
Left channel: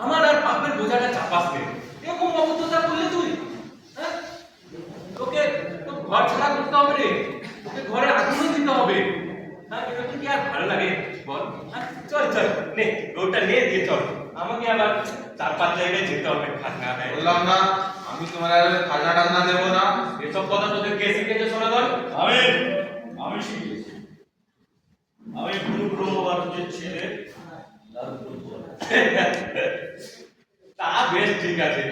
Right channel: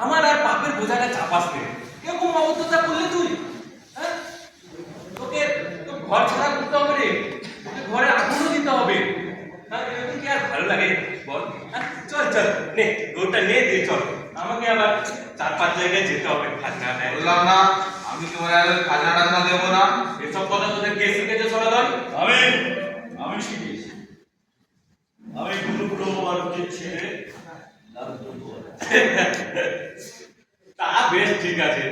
আমার আর পাপের বোঝাটা চাপাস নে। এরকম অবদ্ধতা করলে তুই, হ্যাঁ? তোকে তো ঘর ছাড়া করতে হবে রে, তোকে ঘরে আগুনও দিতে হবে। হ্যাঁ, এরকম কি আর ভালো লাগে বল? হ্যাঁ, চল চল নে, ওটা নে দিয়ে চল। আমাকে আবার 4-5 জায়গায় যেতে হবে খাজনা নেয়। বললাম না আমি তোমার আর খাজনা টাজনা দেবো না। এসব কথা তোদের কে শিখেছে সনাতন? আমি শিখেছি। আমি গুরু ব্রহ্মবাদকের ছেলে দারুগঙ্গ। তা বেশ ঠিক আছে,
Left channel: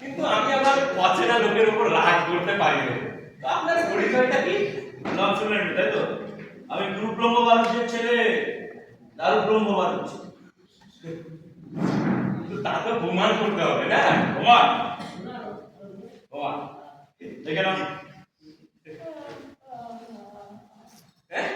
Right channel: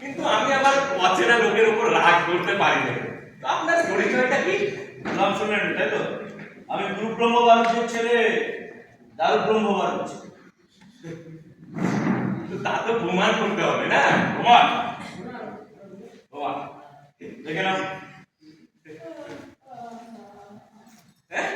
কিন্তু আমি আবার অচেনা লোকের উপর রাগ করতে পারি না। তো আপনার পরিচয়টা কি? নাম শুনলেন তাই তো? আমি গুরু ব্রহ্মবাদকের ছেলে দারুব্রহ্মবাদক। কিন্তু তা তো প্রমাণ করতে হবে না? প্রমাণ প্রমাণ দেখে নাও। হ্যাঁ?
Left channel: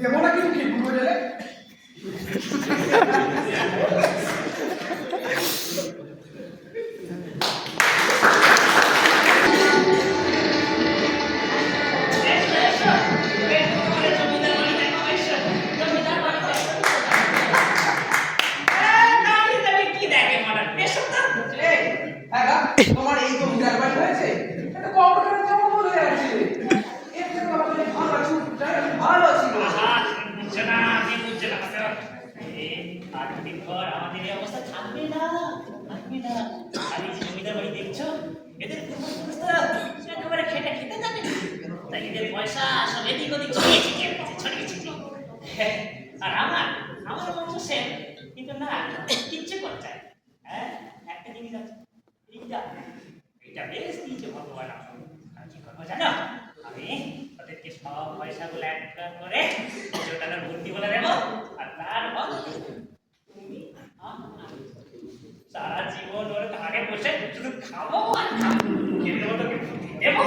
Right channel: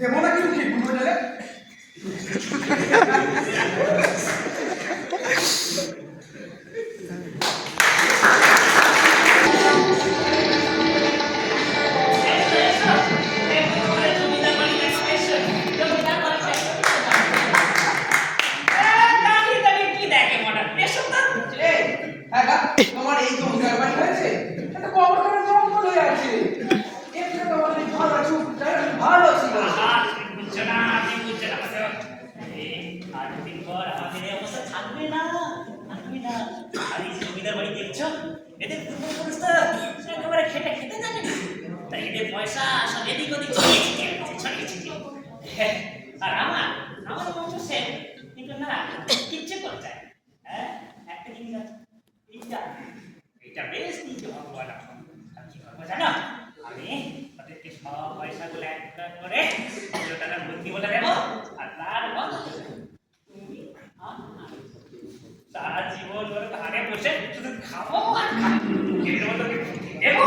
দেবো না কিন্তু কি ভুল হয়ে যাবে। হ্যাঁ গা, তোমার এই জমিদার বাড়ি হয়েছে, এটা কবরখানা জঙ্গল হয়ে আছে। এর থেকে আমাদের ভালো আছে, ভালো ছিল। আর দুদিন পর আমাদের এই অবস্থা থাকবে না। আর এই যে জমিদার বাড়ি দেখছো, এদের পূর্বপুরুষ তো একেবারে খেটে খেতে জানে, তাই এদের পয়সা সব এদিক ওদিক ছড়িয়ে ছিটিয়ে রয়েছে, ছড়িয়ে ছিটিয়ে। আর আমার বংশ সেম, কিন্তু না কিচ্ছু করতে চায়। হ্যাঁ, একটা জিনিস আছে, এইটা বেশ দিয়েছে ভগবান। আর কি করবো জানো? আমি ওদেরকে সব পয়সাগুলো এক করে জোটানার বুদ্ধি বলে দেবো, আর তার বদলে তুমি সারা জীবন ওরা ধারে বসে শুধু খাবো আর খাবো, এদের মতো বুদ্ধি দেবো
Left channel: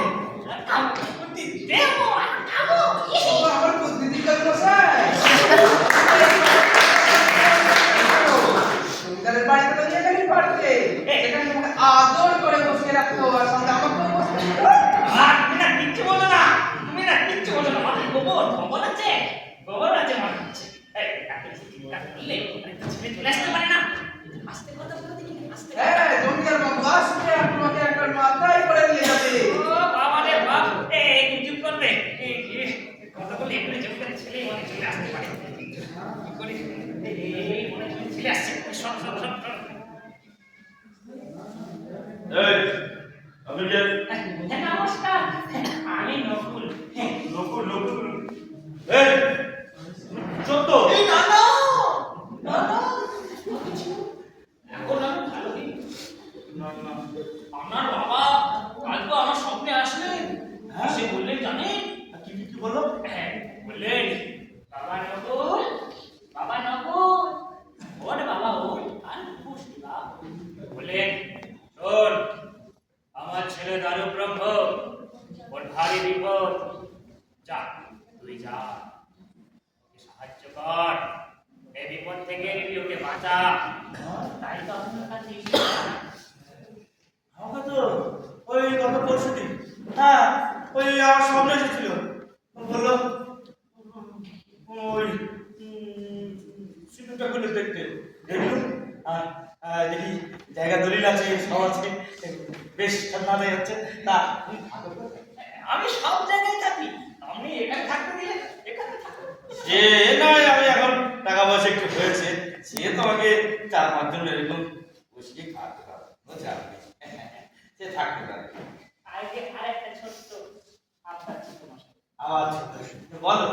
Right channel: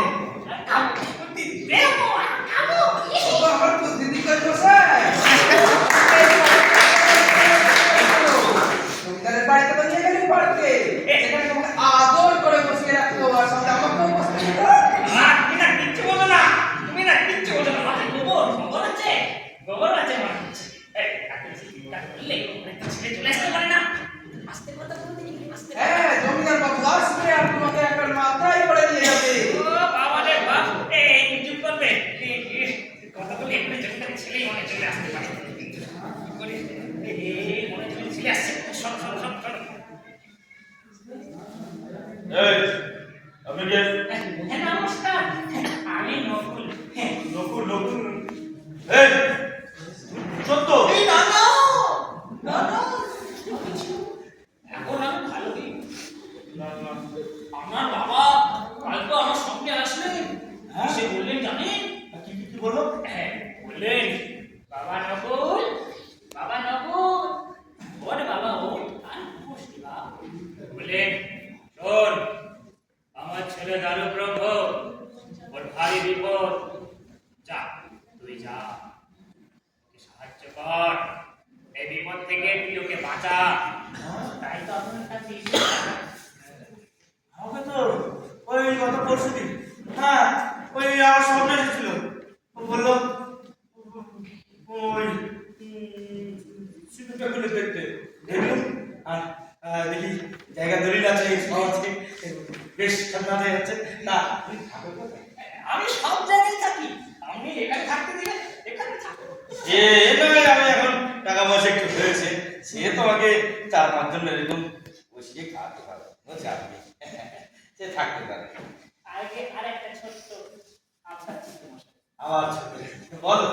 আর খাবো, বুদ্ধি দেবো আর খাবো। আমার বুদ্ধি কাজ বসায়। জমিদারের বাড়িতে তো নিয়ে গেলি পারতে, সেখানে তোমাকে আদর করে বসিয়ে রাখতো, আর সঙ্গে আমাকেও বসতে দিত। আর তুমি না কিচ্ছু বলো না, মাথায় গোবর আছে, গোবর আছে মনে হচ্ছে। এই, এত চিন্তা করলে একটা ছেলে চলে আসতে পারে না? আস্তে কথা বলে দেখি, আস্তে কথা। হ্যাঁ জমিদার বাবু আসবে আর তোমাকে একটা মাথায় করে নিয়ে যাবে। ও বাবা রে বাপ, এই চুপ করবে। কথা বলে এখানে জমিদারের ছেলেই মনে চলে আসতে পারে। কি করে? এই মনে চলে আসছে। সব। এই, আপনি কে? হ্যাঁ নমস্কার, আমি নকুল। নকুল। এই, সত্য। এই না না না না এখন আমি ভালো দিন। আপনার বাবা কাল তো আমার সঙ্গে আসলেন, এসে বললেন জানেন? কি বললো? হ্যাঁ বললেন, বাবা নকুল, ওর বাবা ওর আর নমস্কার। বললেন, শোন, আমার ছেলে দারু ব্রহ্ম, ওর ভারী বিপদ, যা তুই যা, ওকে সাহায্য কর, এই বিপদ থেকে তুই ওকে বাঁচা। তাই তো আপনার কাছে এসেছি। আমাকে তো ওই গত পরশু দিন, হ্যাঁ, ওই আমার সামনে এসেছিল। ও বললো ওই সিঁদুরটা খুলে দেখতে দেখলুম, আর দেখি জায়গা দলিল আছে, সব আছে, বেশ ঠান্ডা হচ্ছে। তা তুমি থাকো কোথায়? আমি সব জায়গায় থাকি, আপনি এখানে থাকতে দিলে এখানে থাকো। সে নয়, আমি এখন টাকা পয়সা একটু হয়েছে, সে তোমাকে 4-5 জন এরকম বসিয়ে খাওয়াতে পারো, বুঝছো? সে থাকতে পারে। আগে আরেকটা ছোট্ট আপনার চিত্রমশাই। আমার বলো।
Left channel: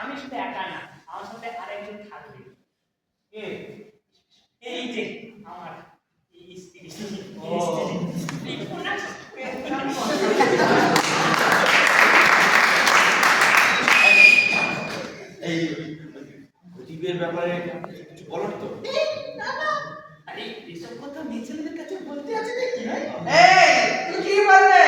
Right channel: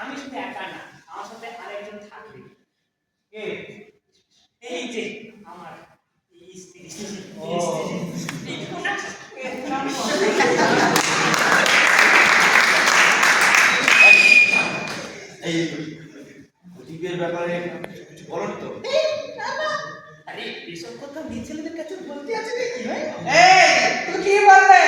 আমি শুধু একা না, আমার সাথে আরেকজন থাকবে। কে? এই যে আমার স্ত্রী। এই গতিবের ব্যাপারে কিছু বলো তো? আরে এসব কথা মেয়ে ছেলেদের কাছে বলতে আছে নাকি ভাই? এই তুই কি বললে?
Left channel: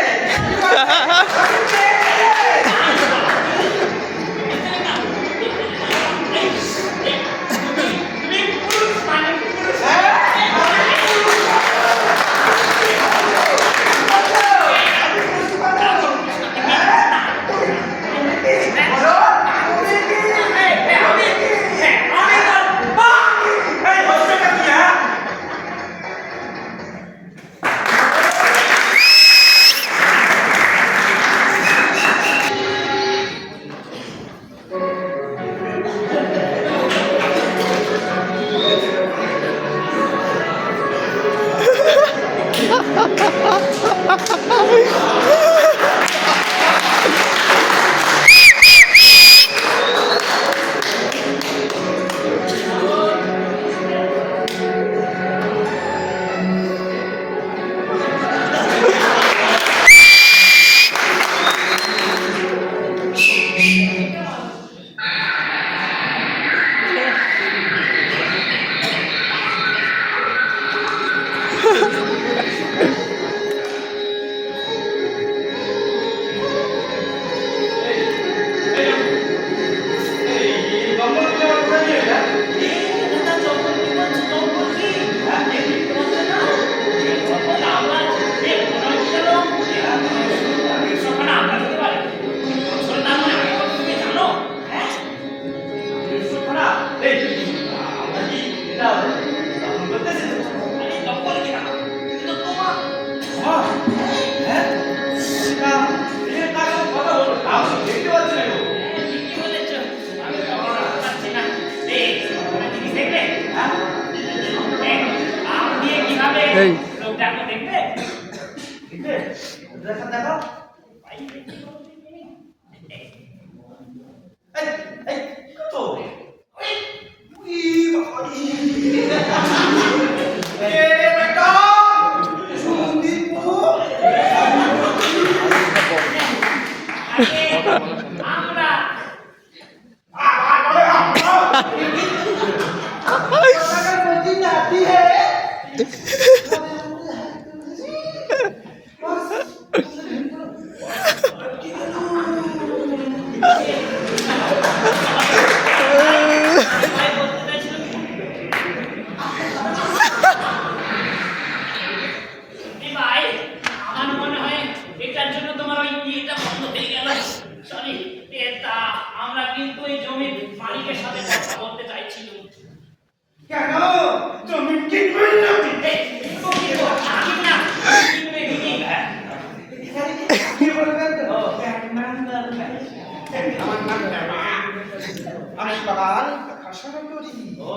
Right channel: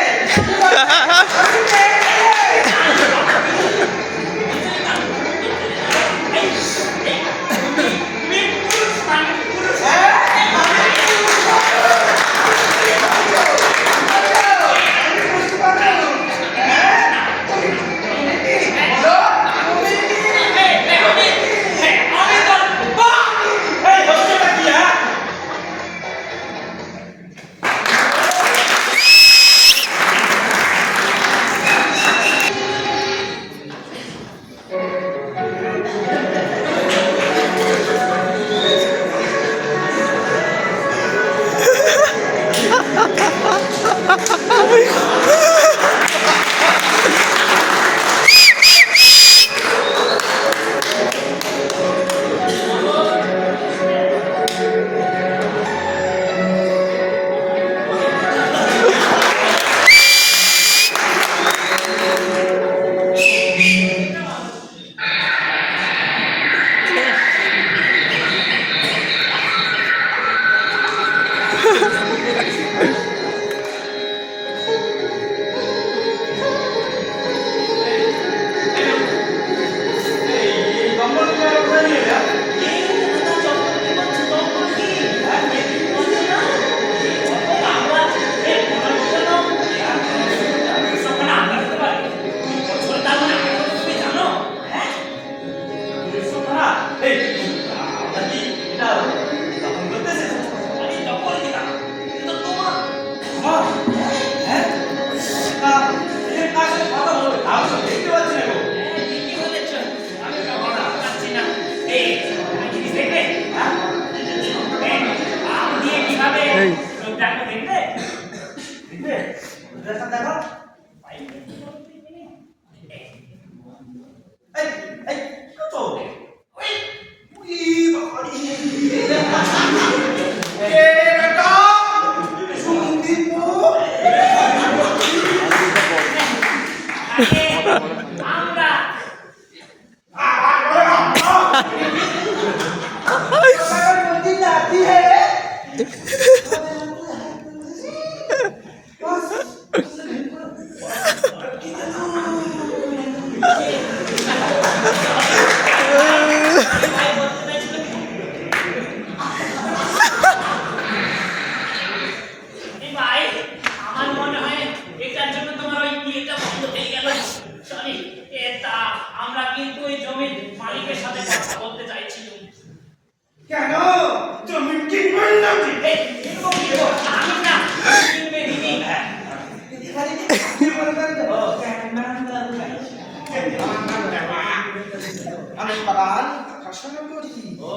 আজ বাগান দেখাশোনা করি ও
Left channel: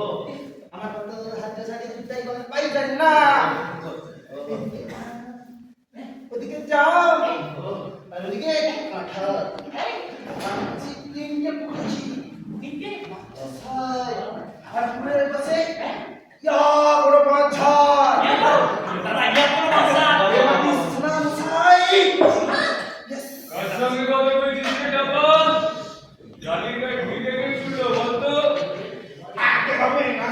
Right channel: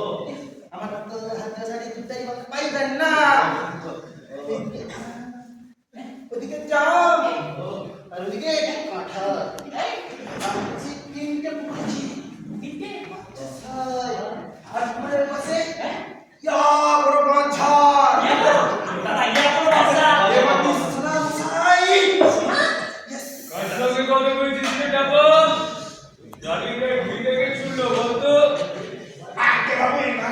আমার তো হাতে সারি দুটাই বাগান পাইবেন না ওদিকে যাও আর ওদিকে কাঁঠাল আমি তিনটে পুকুরছি আর পুকুরের পাশে ইয়া বড় বাঁধঝাড় দাদা ইয়া কোনো বাচ্চা এবার ইসলাম সাই ইয়েস কার সঙ্গে কথা বলছিস রে চাপস? জালিকা ঢিলে গেছিল বলতো? আগে বাবু না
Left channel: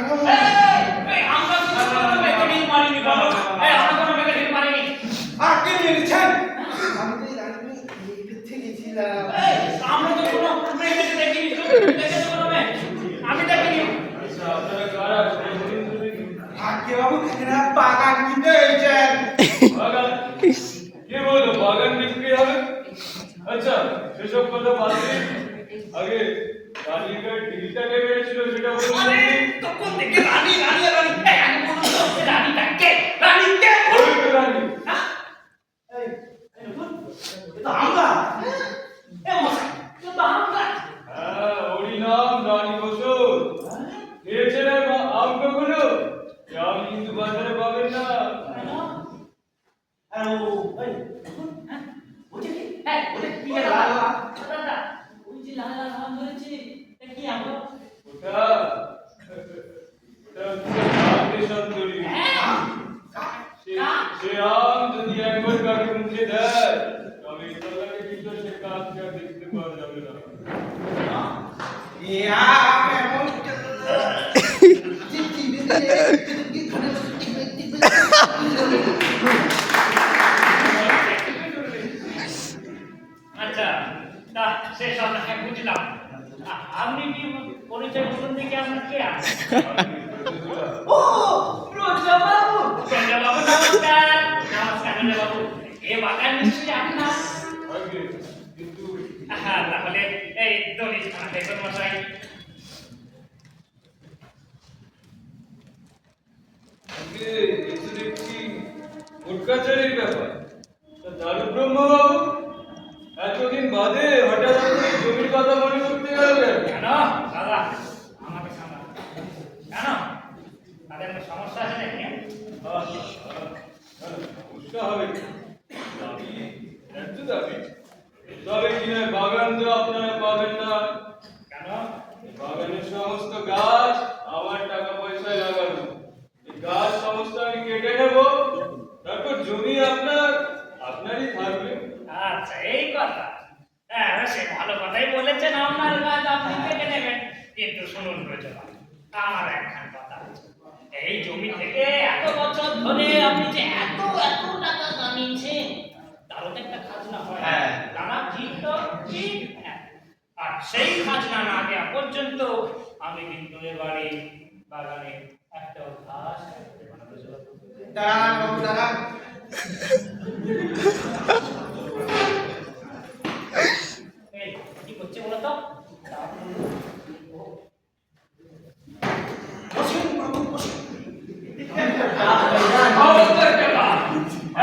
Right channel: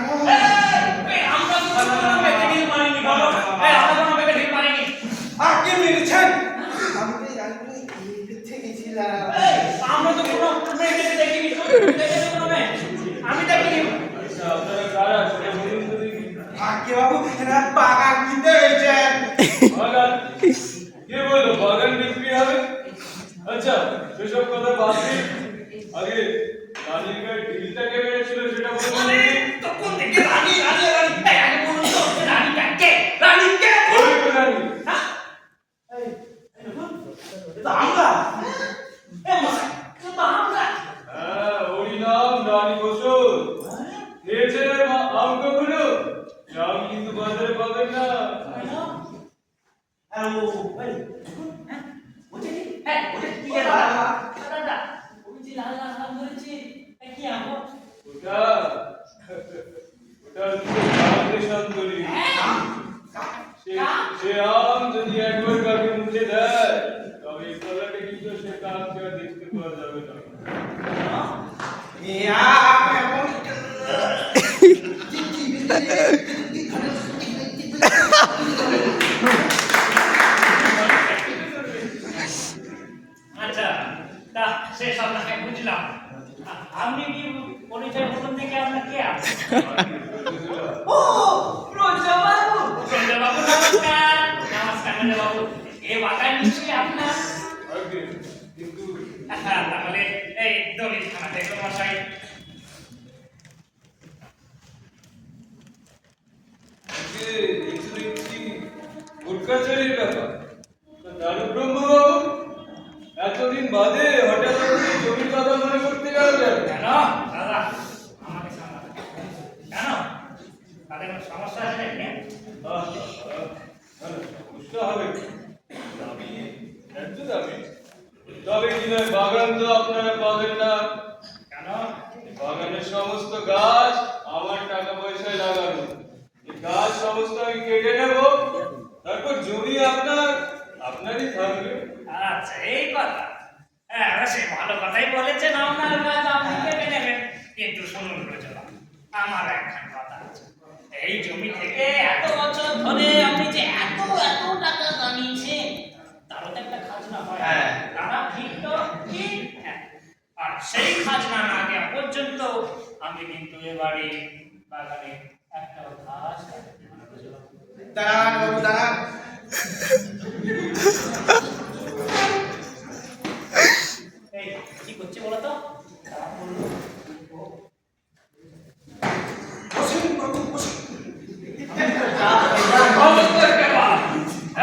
আমরা তো কোনো মেয়েকে ঢিল মারিনি বলো আমরা কোনো মেয়েকে ঢিল মারিনি আগে মেরেছেন আমি তো জানি কোথায় গেছিলাম আমরা তো কোনো মেয়েকে দেখিনি দেখেছো কোনো মেয়ে আমি দেখিনি আচ্ছা আপনারা কারা সেটা বলুন তো দেখি। আগে বাবু এরা বাগান কিনতে এসেছেন বাগান? কে বললো বাগান বিক্রি হবে? আচ্ছা সেসব কথা বাদ দিন। আগে জালিকার ঢিলটাকে মেরেছিল সেটা বলুন আরে দেখি। তখন থেকে রানী রানী রানী এই আগে বলুন তো রানীটা কে ওই তো রানী। এই দেখুন এটা আমরা এ মশাই এটা আমরা হ্যাঁ, ওরই নাম রানী বসুন। খেয়েছেন আর আম কখনো? এ আম কিন্তু বাজারে পাবেন না। আর ও ওই দেখুন হ্যাঁ ওটা কি হ্যাঁ ওটা কি দাদা দাদা ওই যে লাল লাল আম ধরেছে তা কি আম ওটা হচ্ছে কাকড়ে শান্তরি। সে আম যদি একবার কাকে মুখে দেয় তবে এই তলাকে কিন্তু সে কাককে আর দেখতে পাওয়া যাবে না। আচ্ছা তা সে সব না বুঝলাম আপনি কি পরিচয় হলেন দেখে আপনার কে আছে ও রোজা বাবু নমস্কার নমস্কার রোজা বাবু এ বাগান নিশ্চয়ই আপনার আগে কিন্তু হ্যাঁ তাহলে এই দলিত খানা দেখুন মশাই আগে এই তো দেখছি কোটকাচারির ব্যাপার। তা দারুব্রহ্ম বাবু এতদিন বাদে হঠাৎ আপনি জমির কথা মনে করতে গেলেন কেন দাদা আমাকে সামলাতে কেন তাদের কোনো সমস্যা আছে নাকি সমস্যা হবে দাবি একটু দাবি তবে কিনা বাগান তো আপনারা পাবেন না। কেন এই বাগানের সমস্ত গাছ আমার টাকা পয়সায় লাগানো। এই গাছ সমস্ত আমি কেটে নেব, তারপর জমি আপনারই থাকবে। আচ্ছা এই কথা হ্যাঁ সে ভালো কথাই বলেছেন আপনার কাজ আপনি কেটে নেবেন কিন্তু শুনুন রোজলা আমার একখান কথা আছে এই জমি থেকে এত বছর ধরে আপনি যে এত এত টাকা কামিয়েছেন তারও তো একটা খাজনা হয় হ্যাঁ। দাদা ঠিক তো ঠিক হ্যাঁ আর সেই খাজনা না দেওয়া পর্যন্ত আমি কিন্তু এবারে বাগানে একটা ঘাস কাটতে দেব না, রোজলা। দাঁড়ান বাবু দাঁড়ান এই কি করছে বলো তো বসুন বাবু বসুন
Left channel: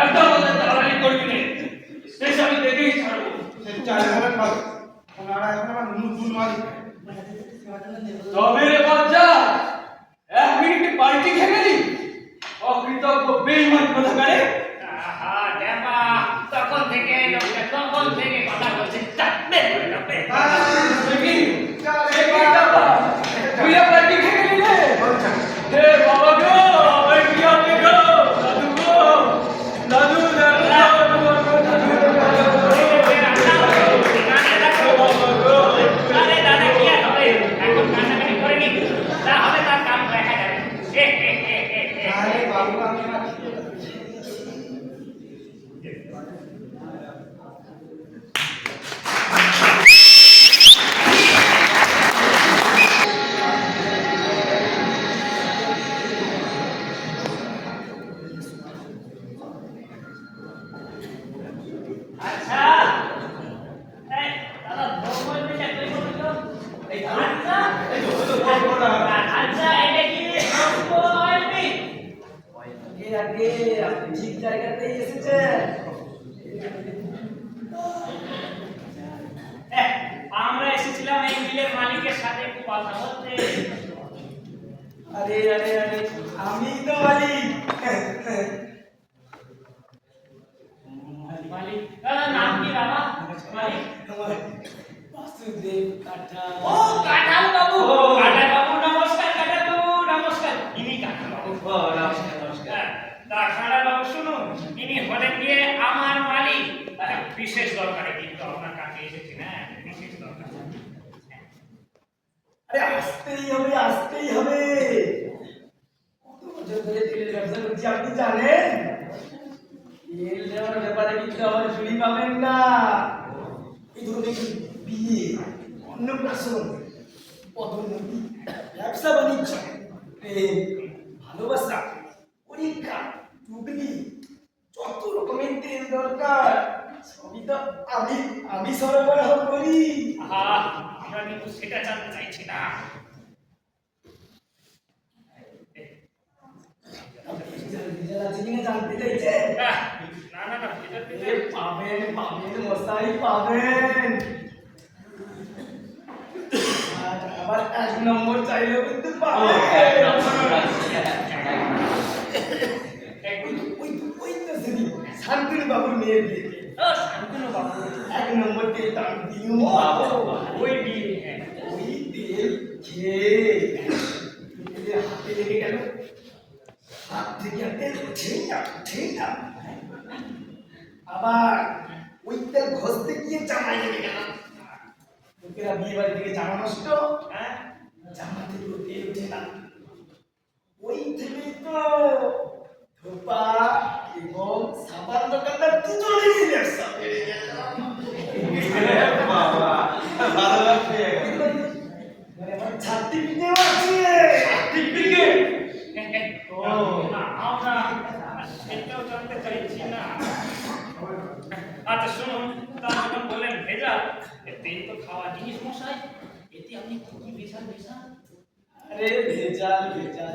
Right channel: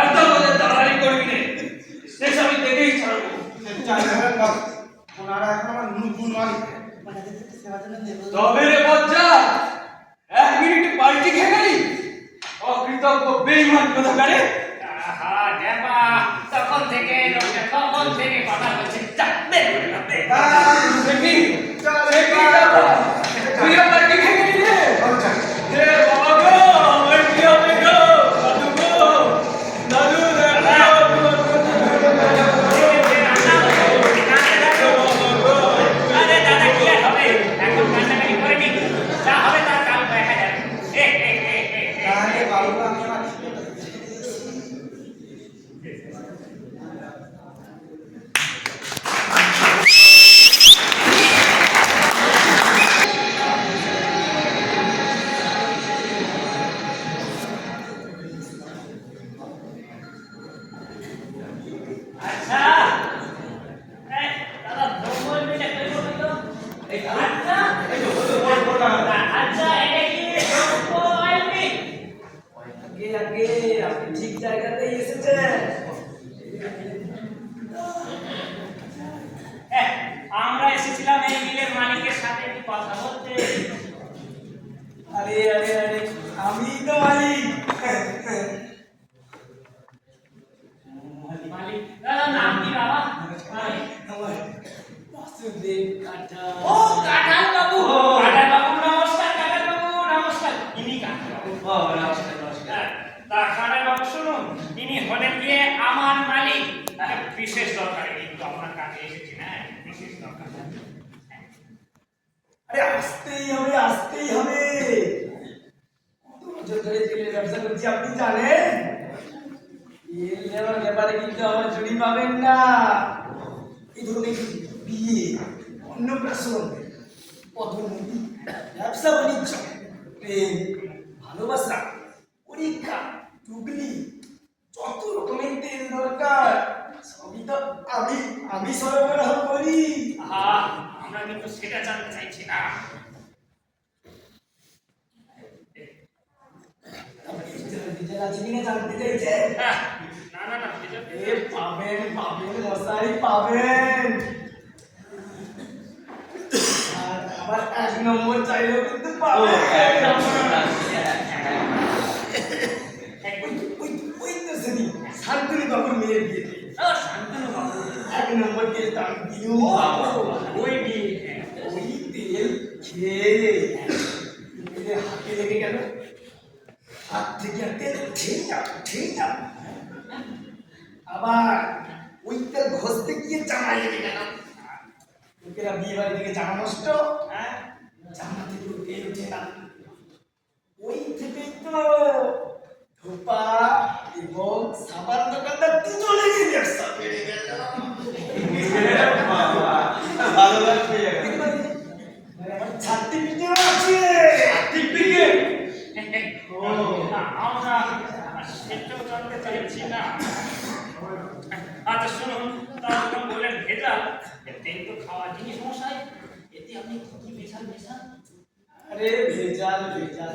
একদম দাঁড়ানি করবি না শেষ আমি দেখেই ছাড়বো চাই ধরেন বাবু ওনারা এখন আমার নতুন মালিক সেবা জন্য দেবো তবে রে বাচ্চা 1 মিনিট পাল্টি খেয়ে গেলি অকৃতজ্ঞ বেঈমান কোথাকারে। আহা দেবা তখন থেকে লোকটা কখন থেকে কথা বলছে চাপবে করে যাবে দেখি দেখি দাদা তুই পাল্টি খেয়ে গেলি রে। হে বাবা গো ওই কি হবে গো দাদু গো দাদু আরে দাদা কি আর হবে এখন কান্নাকাটি করে নি যা হবে তার কাল দেখা যাবে তাহলে বাবু আমি আমার আমি তো মালিক। মালিক দাদা নাম কি বাবা মালিক আমার বাসুদেব কাটা। ও কাঁঠাল বাবু কাঁঠাল বাবু নমস্কার কাঁঠাল বাবু নমস্কার ইনি কাঁঠাল বাবু নমস্কার নমস্কার। তা কাঁঠাল বাবু শুনুন ইনি হলেন গিয়ে আমার মালিক একটা বিশেষ দরকারে কিন্তু আপনার কাছে এসেছি না বিশেষ দরকার আরে আসতেই হবে, আসতেই হবে। কত বছর ধরে তেলের ব্যবসা করছি আপনি জানেন। তেল দেওয়ার ব্যাপারে কিন্তু আমার জুড়ি পাবেন না। এই ধরুন এই বিয়ে, অন্নপ্রাশন, পদোন্নতি, ব্যবসা বাণিজ্য, প্রেম, ভালোবাসা, পরীক্ষা, টুকলি, যত রকমের তেল দরকার সবই তো আমি সরবরাহ করি। আহা আমরা কিন্তু সেটা জানতে চাইছি না ডিজেল আছে কিনা জানতে চাইছে? আহ, না না না ভেজাল এ ভেজাল পাবেন পাবেন মশাই পাবেন। আর আবার 1 নম্বর চাইলেও কিন্তু ও পাবেন। এক নম্বর ওই তো সেদিন শান্তনু বাবুর মেয়ের বিয়েতে ও শান্তনু বাবু 1 নম্বর তেলটা আমি দিলুম। ওই বিয়ে হ্যাঁ ওই তেল খেয়ে তেলের হাতে লেগে গেল। হাত থেকে আর তেল উঠেই না। আবার ওই তেল ঘষতে গিয়ে জামায় লেগে গেল। লোকেরা বিয়ে বাড়ি থেকে জামা নষ্ট, হ্যাঁ জামা থেকে তেল উঠে না। ওই থেকেই তো ধোপা এবং সাবান দোকানদার দুজনেরই ব্যবসা বেড়ে গেল। বাবা ভালো লাগছে মানে আমার সার্টিফিকেট আছে। সার্টিফিকেট না আমরা সেটাও জানতে চাইছি না আচ্ছা শুনুন তা যখন বললেন ভেজাল তেল তো খাওয়া জিনিস মশাই এতে আপনি কি কি ভেজাল মেশান আরে ভেজাল ভেজাল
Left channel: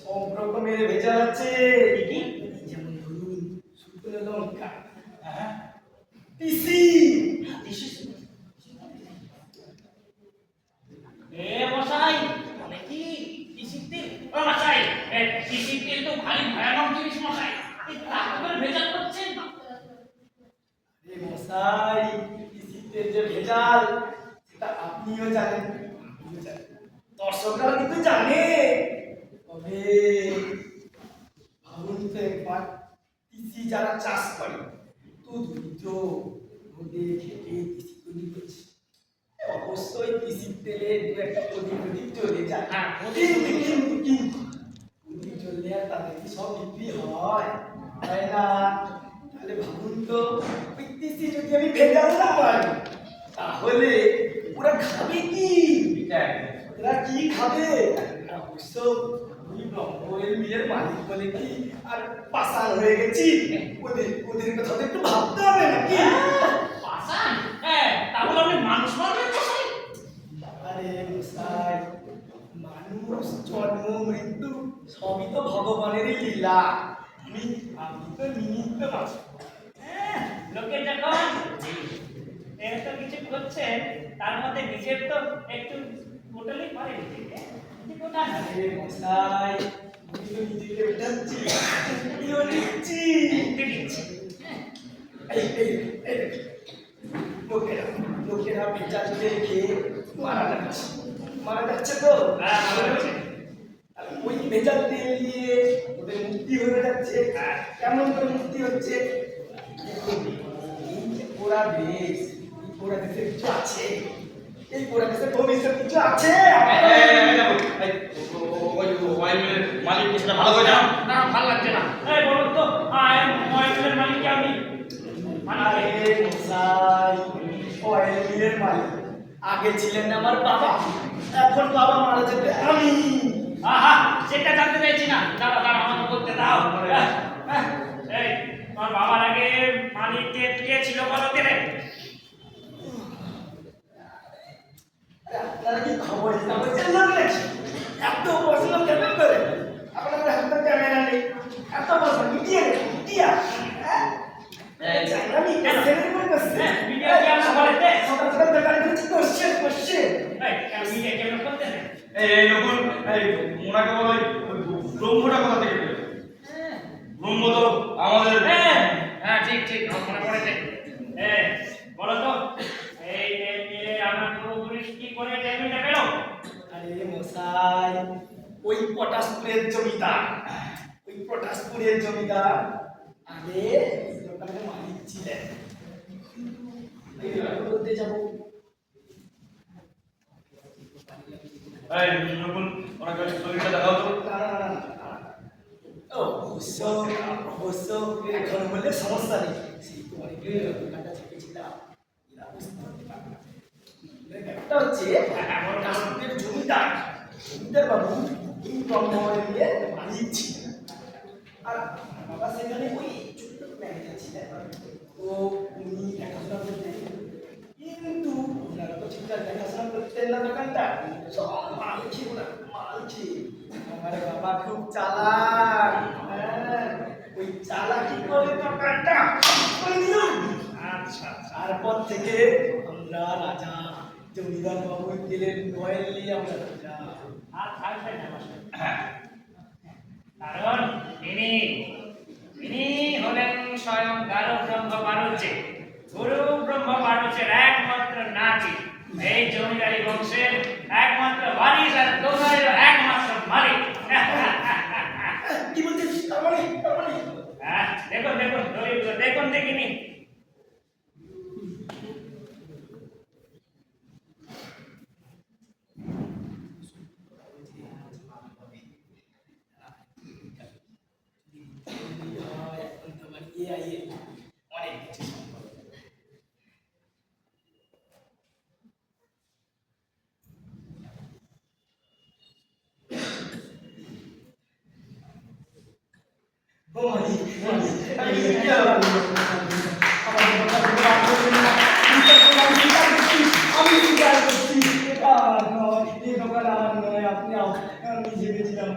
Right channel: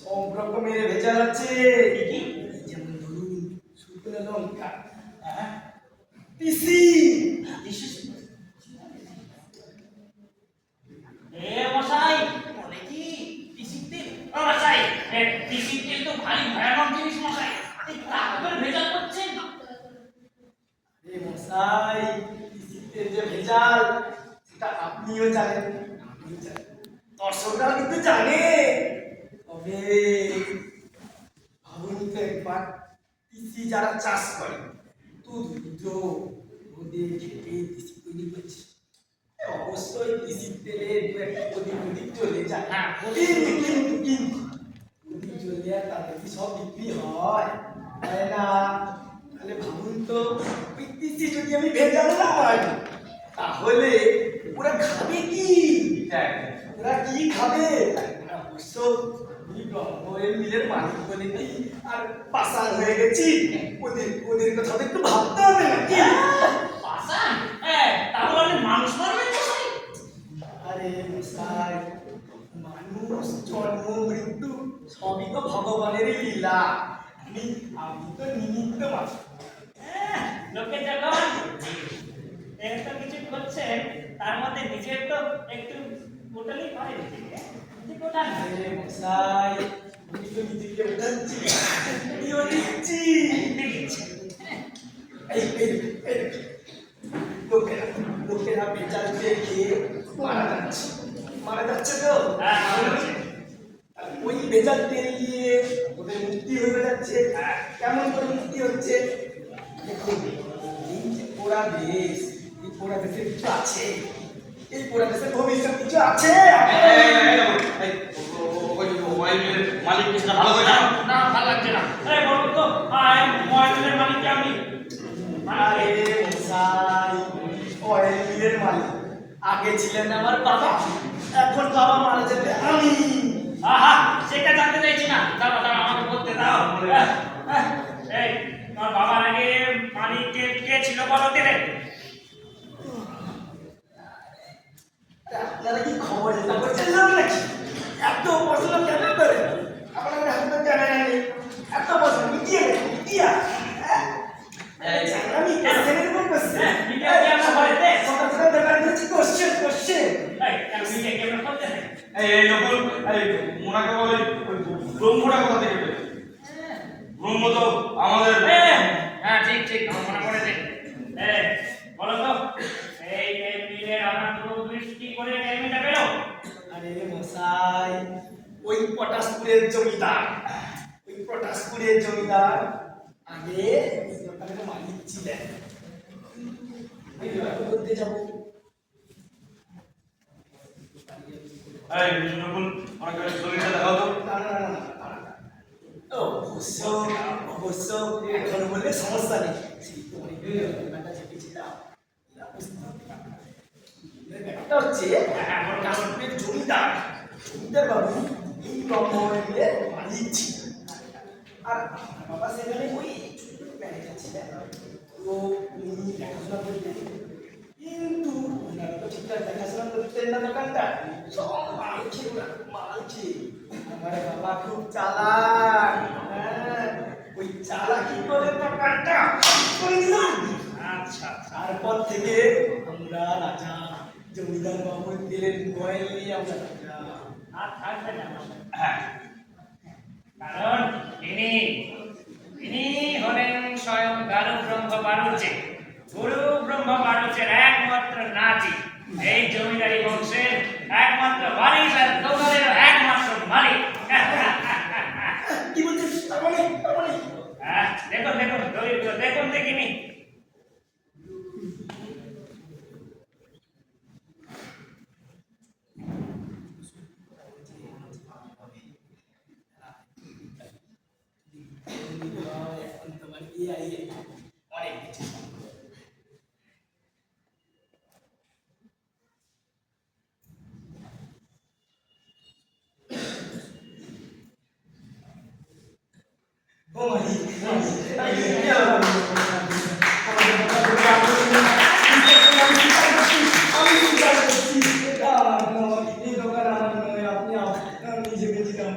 সব রকমের ভেজাল আছে। কি যেমন ধরুন শুকনো লঙ্কা, পিসি, এ মশাই বলে কি তিসির তেল ও মশাই তিসির তেল তো ভারী ভয়ানক জিনিস মশাই এই তারপর ভেজাল করছেন এই মশাই পিসিতে যে ভেজাল সেটা আপনিও জানেন, আমিও জানি, দর্শকরা কিন্তু জানে। তবে ভাবুন তো একবার পিসি যারা চাষ করে তো দরিদ্র রোদে খেটে পিসি তৈরি করছে, অবশ্যই পিসির তেলে দু একটা প্রদীপ চলে যায়। হ্যাঁ, কিন্তু প্রদীপ জ্বললে আর তাদের কি সব বিক্রি হয়? হয় না। তাহলে ভাবুন তো ওই পিসি যদি আমি ভেজাল না পারি তাহলে ওরা খাবে কি? ওরা কি খাবে? অবশ্য আমি ব্রহ্ময়ের মিলের মালিক বলে কি আর পাশান হয়ে গেছি, ওদের কথা তো একটু ভাবতে হবে নাকি? পাশান হ্যাঁ তাহলে আপনি মানুষ মারবেন মশাই আরে মশাই, মানুষ জন্ম মৃত্যু সবই তো ভগবানেরই লীলা। আমি তো নিমিত্ত মাত্র। লোকে যখন এত কিছু করছেন তার মধ্যে নিজের তো একটু গোটালেই পারে নিজেকে গোটান না আরে মশাই, আমি তো নিজেকে বোঝাচ্ছি, আমিও দিচ্ছি। দিচ্ছি এই দেখুন, লোকেরা ভেজাল তেল খেয়ে মারা যাচ্ছে তো। হ্যাঁ ভালো আছে আর ওই ভেজাল তেল দিয়ে ওদের মুক্তি হয়ে যাচ্ছে। কেমন করে মুক্তি হচ্ছে দেখুন, এই যে পোড়া দেশ, এই পোড়া দেশের কিছু আছে, এই পোড়া দেশের ভবিষ্যৎ কিছু আছে। মালিককে সেটা ভালো করে জানো। না ভালো লাগছে না এই বলুন তো ময়ূরের মালিক কি আপনি আরে মশাই, অয়েল মিলের মালিক আগে ছিলেন আমার বাবা, এখন বাবা মারা যেতে আমি। আহা সেটা জানতে চাইছি না দাঁড়া আমাকে বলতে দাও এই তোমার বাবার আগে মালিক কে ছিল বলো তেলে আপনারা কি খবর কাগজের লোক নাকি? এত পড়াশোনা কেন করে? আপনাদের হাতে তো ক্যামেরা নেই, এত পড়াশোনা মিডিয়া আমি ক্যামেরা করে বসছি। মিডিয়া কি আমরা বলতে সকাল সকাল বেকার করছি, কোশ্চেন এই কেন মিডিয়া কি আমরা করতে নেই এই নকুল এই মোনাকে বলো ব্রহ্মটা কোথা থেকে পেল? ব্রহ্ম তো আমাদের হ্যাঁ ঠিক ঠিক আমার মনে পড়েছে। বলো তো এই টেবিলের আমার পূর্বপুরুষ কি করে টেবিলটা পেল? আরে মশাই, ওই পটাশপুরের জমিদার, আগে এই দোকানের মালিক ছিলেন। এই দোকান করতে যাবো। এই নকুল অনেক জমিটা দেখাও তো। অবশ্য এখন বললে সমস্যা নেই। সেই তো অনেকদিন দোকানটা ছেড়েছিলাম। ব্যাপারটা হচ্ছে পটাশপুরের জমিদার বাবু এই ব্রহ্মবাড়ির মালিক ছিল। আর বাবা সেখানে ওই ছোট ম্যানেজার ছিলেন। তো উনি দেখাশোনা করতেন, কিন্তু ওনারা তো ঠিকঠাক দেখাশোনা করতেন না দোকানটা, সব মাল খেয়ে আমার বাবা খুব চালাক। হ্যাঁ, ওই চালাকি করে দোকানটা করে দিল। আচ্ছা তারপর থেকে আমরা রাজা, জমিদার বাবুর দিলের বয় নিয়ে আমরা রাজা। আর থাকবে না মশাই। কারণ ইনি হলেন স্বয়ং গারু ব্রহ্ম বাড়ুজ্যে, গুরু ব্রহ্ম বাড়ুজ্যের একমাত্র নাতি, এই জমিদারি বংশের একমাত্র ওয়ারিশ আর দোকানেরও একমাত্র মালিক। কি বলছিস? তার মানে দেখুন দরিদ্র দেখুন দেখিনি। এখন তোমার AI অনেক কিছু সম্ভব। ও মালিক, আমি কি করব? আমার দোকান আমি চিন্তা করছি। এই দোকান আমার নয়, আপনি নিজে গেছিলাম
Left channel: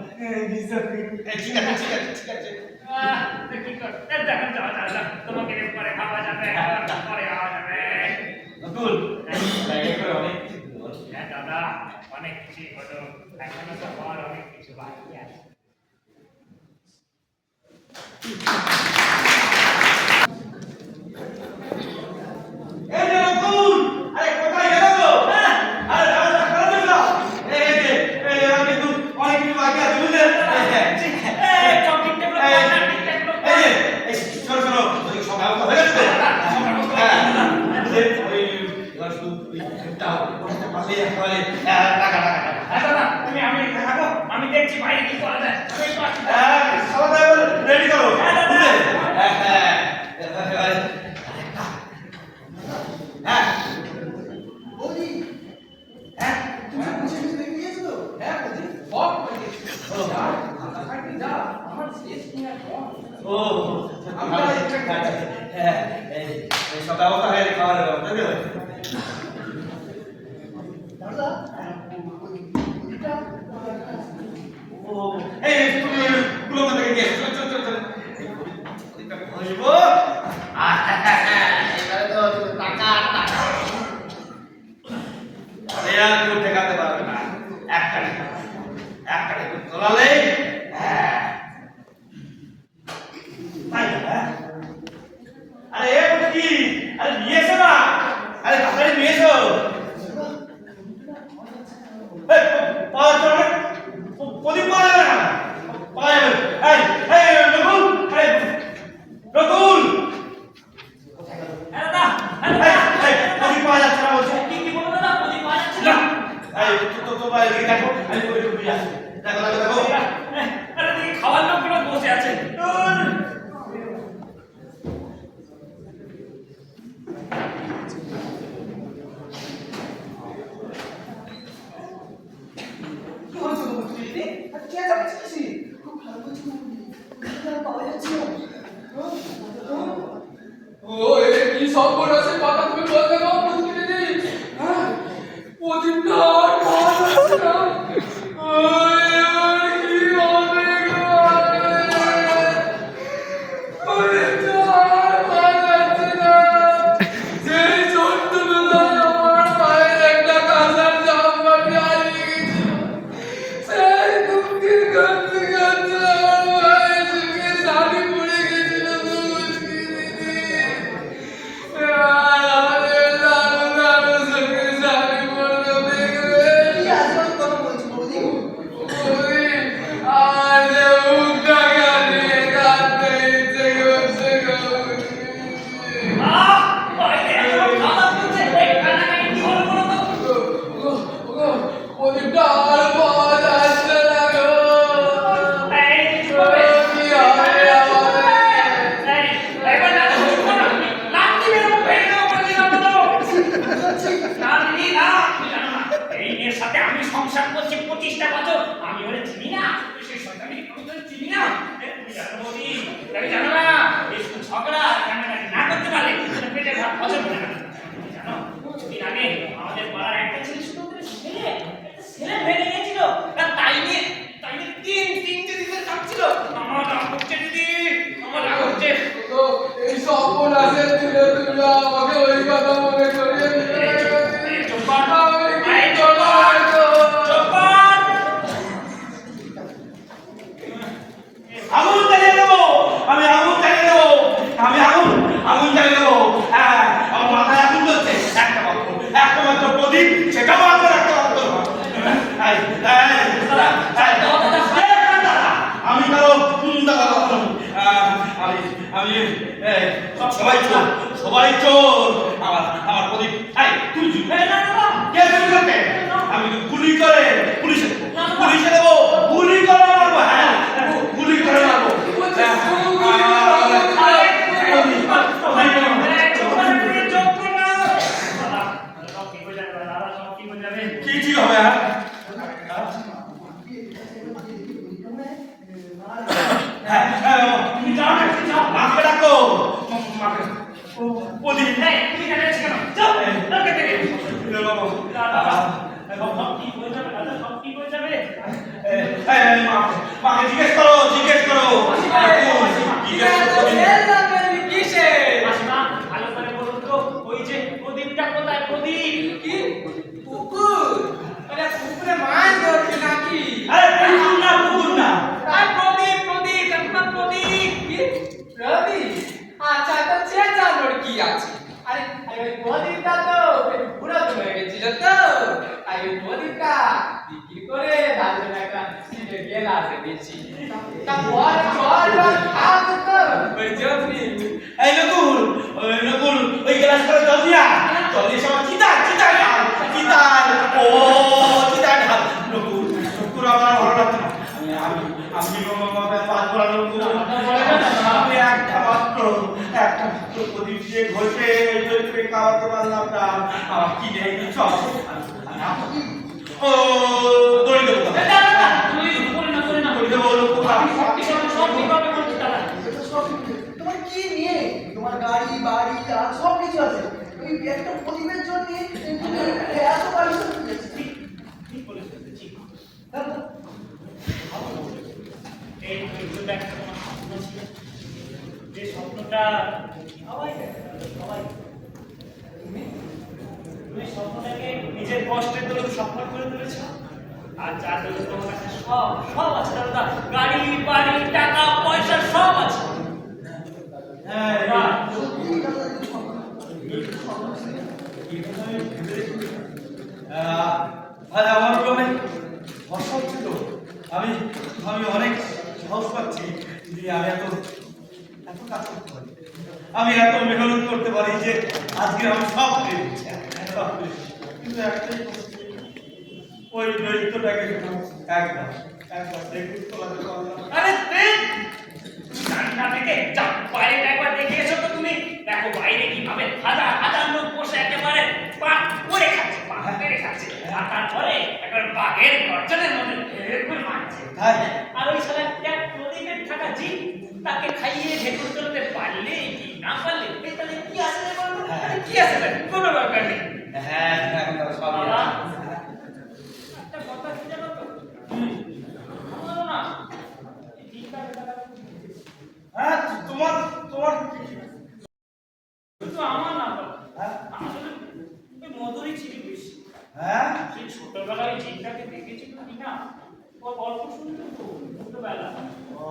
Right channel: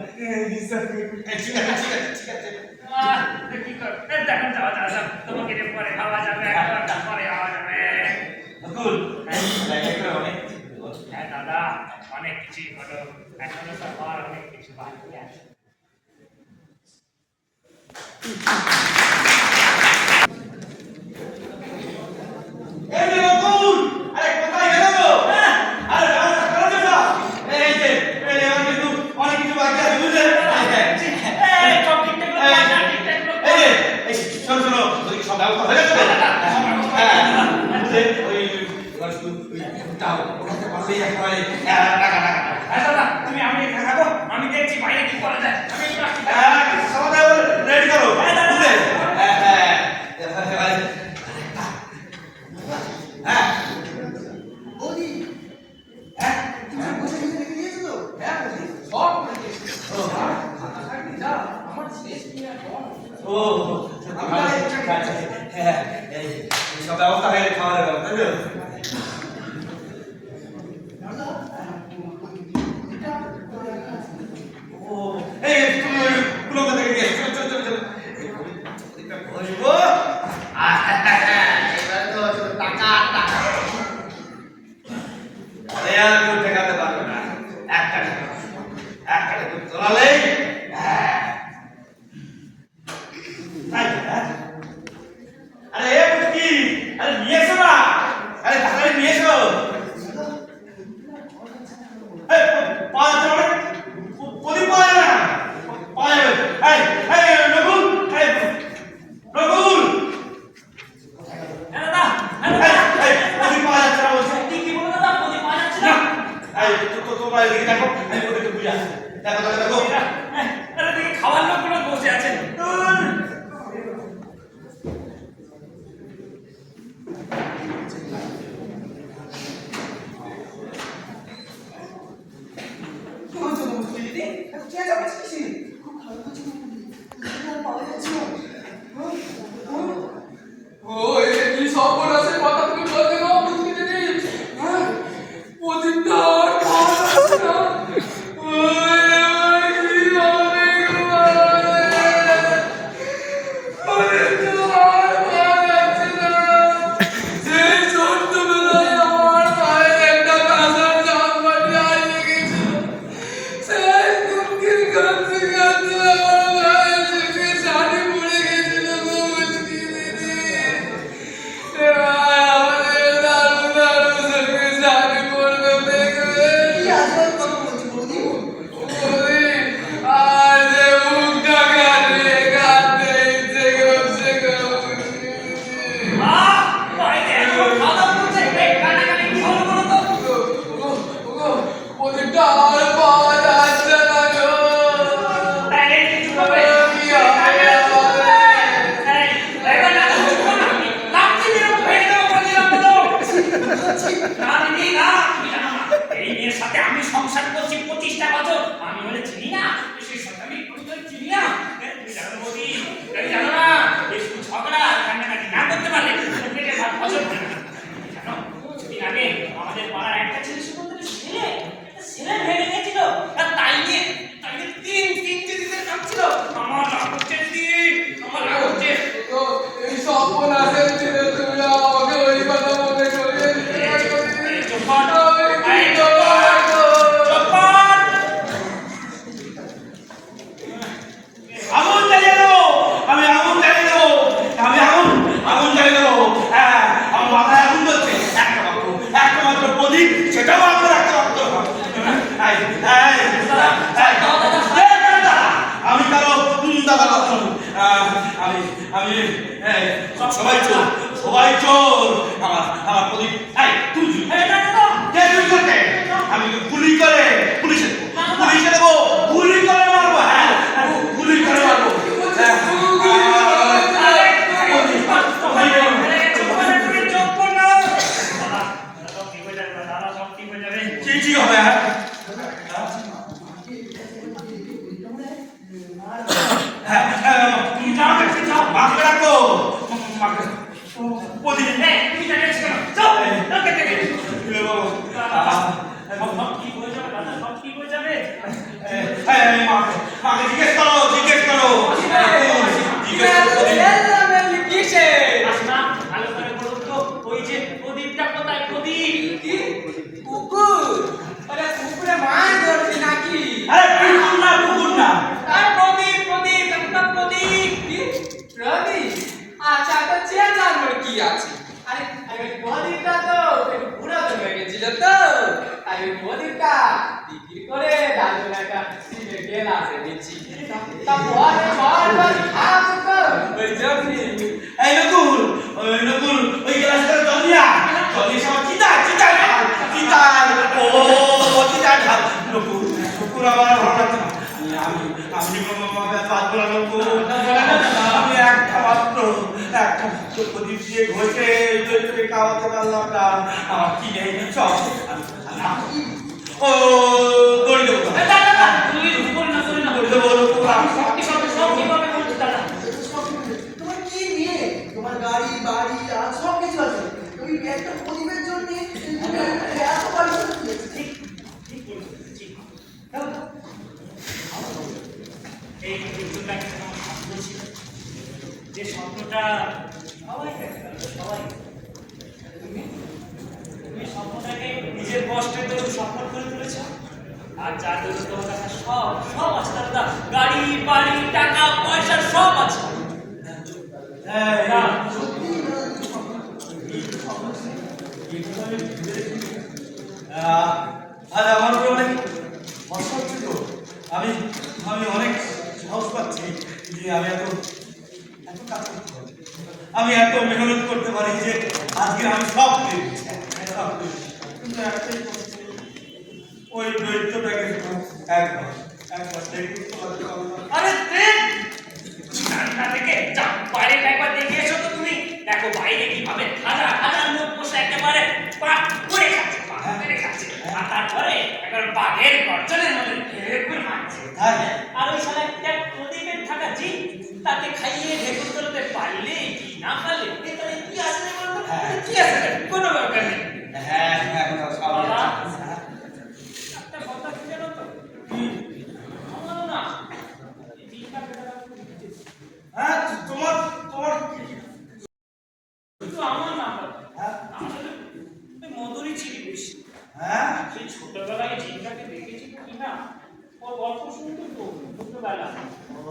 বিশ্বাস করুন। ঠিক আছে কি কর দেখুন যাওয়া তোমাকে পরে খাওয়া যাবে, পরে খাওয়া যাবে। নকুল অনেক হ্যাঁ দাদা, অনেক কিছুই হলো, এখনো তো হওয়ার অনেক কিছু বাকি আছে। এই যে নকুল, আরে কোথায় গেল গো? আরে রাজা করা যাবে না। এই এবার কিন্তু অনেক কিছু বাকি আছে বুঝলে? এই শোনো ওই সব ব্যবস্থা হয়ে গেছে তো? বুঝলে ওই এবার শুধু ওই টাও ওটাতে পারলে একেবারে টাকা হ্যাঁ দাদা, তুমি আমি থাকো, আমি দেখছি বাইরে কি করা যায়। আমি একটু আসছি। সবাই রেডি করো বুঝলে? হ্যাঁ বৌদি, তুমি বুঝে দেখে নিয়েছো তো? সব খাতা খাইতে যা আমার শেষ কিনা কম। ও হ্যাঁ এই সব ব্যবস্থা হয়ে গেছে, খাবারের ব্যবস্থা তাই তো? দাদা, এটা ও এই গুলো থেকে নিয়ে চল প্রদীপটা ঘষবো। এবারে তো শুধু টাকা আর টাকা। আরে আর কেউ ঠেকাতে পারবে না, একটা তোলালেই তাই হ্যাঁ। আরে এ কি, আরে নিয়ে এসো না, আরে তাড়াতাড়ি নিয়ে এসো। পাওয়া যাচ্ছে না, প্রদীপ পাওয়া যাবে না, পাওয়া যাবে। নকুল হ্যাঁ দাদা, প্রদীপ পাওয়া যাচ্ছে না বলছি। কি বলো দাদা, প্রদীপ পাওয়া যাচ্ছে না না? তোমরা এদিকে দেখো, আমি প্রদীপটা বুঝে আসছি। দেখো আরে দেখি খাওয়ার লোকগুলো বসে আছে। খুব ভালো করছি বৌদি, পাওয়া যাচ্ছে না। ও এ কি সর্বনাশের কথা তুমি বলতে গো বুঝতে দিদি? হ্যাঁ, প্রদীপটা আর পাওয়া যাচ্ছে না। ওই কি হবে গো? প্রদীপটা আর পাওয়া যাচ্ছে না। সেই ছোট্টবেলায় আমার পায়ের একটা কাঁসার জামবাটি হারিয়ে গেছিল। সেই দুঃখের কাঁদতে কাঁদতে চিনি না তুমি জানো বৌদি তুমি জানো না এই শুধু ঝগড়া কান্নাকাটি না করতে পারলে পেটের ভাত হজম হয় না জানো কিছুদিন আগে আমাদের পাড়ার একটা ছেলে সুন্দর ছেলে একটা ছেলে ভেঙে গেছিল আর তাই নিয়ে তিনটে দিনের কাজ ছিল আমার রাগ হচ্ছে দিদি আমার রাগ হচ্ছে তো এই স্বপ্ন আছে ছেলে তুমি আমাকে ওই কথা মনে করিয়ে দিলে আগুন জ্বালিয়ে দেবো আমি আগুন জ্বালিয়ে দেবো আমি আগুন জ্বালিয়ে দেবো হ্যাঁ আমার মাথায় আগুন জ্বলছে একটা মাত্র প্রদীপ সেটাও আমার একটা মাত্র আমি কারো দাদা আমি সবাই চোর আমার প্রদীপ তুই কে তুই করতে আমি গুলি করে পুলিশে দেবো গুলি করে মারবো হ্যাঁ গুলি করে মারবো কি হবে হ্যাঁ তুমি যাও মাকে রাখো প্রদীপ তুমি জানিস কেন যাও বাবা সব ঠিক হয়ে যাবে দাদা সব ঠিক হয়ে যাবে মাকে জিজ্ঞেস করো মাসিমা ভালো করে বলুন তো ওই যে প্রদীপটা কোথায় প্রদীপ কি কুকুর আরে কুকুরে মাছ ধরবি নাকি কুকুর না আর প্রদীপ একটা প্রদীপ কি প্রদীপ আচ্ছা তো চেঁচানোর কি আছে আরে ওই প্রদীপটা তো একটু পুরাতন হয়ে গেছিল তো তাই ওই প্রদীপটা বিক্রি করে দাদুর একটা সিলে গেলাসে বেচি তা বড় খাবো তো ওই জন্যই এই নকুল ওই গ্লাস করে জল দিয়া সব চিতাল ও চিতাল ঢাল নকুল আমার ভালো লাগছে না আমি পাঁচ বলা নকুল আমি একটা প্রদীপ দিয়ে ঘষে খাওয়াতে পারলাম না আমার কি নেই সব ও দড়ি দেবো তোমার কি নিয়ে তোমার গাড়ি বাড়ি আর সব কিছু আছে তুমি একটা প্রদীপের জন্য তুমি এত বাড়ি ঠিক বলেছো ঠিক এই যুদ্ধটা একটা আমার স্বপ্ন ছিল যে স্বপ্নটা সবাই দেখে সবাই তুমি স্বপ্নটাকে নিজের কষ্টের দৌড় সফল করে তুলেছ আর যার দৌড় তোমার কাছে সব আছে দাদা গাড়ি বাড়ি টাকা পয়সা সব আছে আজ আমার উপরে অনেক ভরসা হচ্ছে তো আমি অনেক সাহস পাচ্ছি যে আমি এত কাজ করতে পারি আমি এত মেহনত করতে পারি যে আজকে আমি সব পেয়ে দিচ্ছি কিন্তু একটাই ওই দৈত্যটাকে একবার দেখতে পারলাম আরে দেখ জানলা থেকে যা বাইরে একবার দেখে এসো তো তুমি দেখো বাইরে কিভাবে হাজার লোক বসে একেবারে পাট করে খাচ্ছে আর তারপরে একবার বাঘের গর্জনের মধ্যে ঢেকুর মারছে আর ওই শালা একটা প্রদীপের থাকা জি তাকে খাইয়ে ঢেকুর তুলতে পারলে কি না পারলে তাহলে কি আসলে বলবো কি আসলে কোনো দরকার নেই হ্যাঁ এখন সবাই একটা কথা কি জানো তো আমারও না এই চিন্তা হ্যাঁ তোমার কিন্তু আমার না আসলে মধুরই ছিল বেশি হ্যাঁ সেই ছোটবেলায় জিনটাকে দেখেছি কি না ও গল্প শুনতো তো ছোটবেলা ও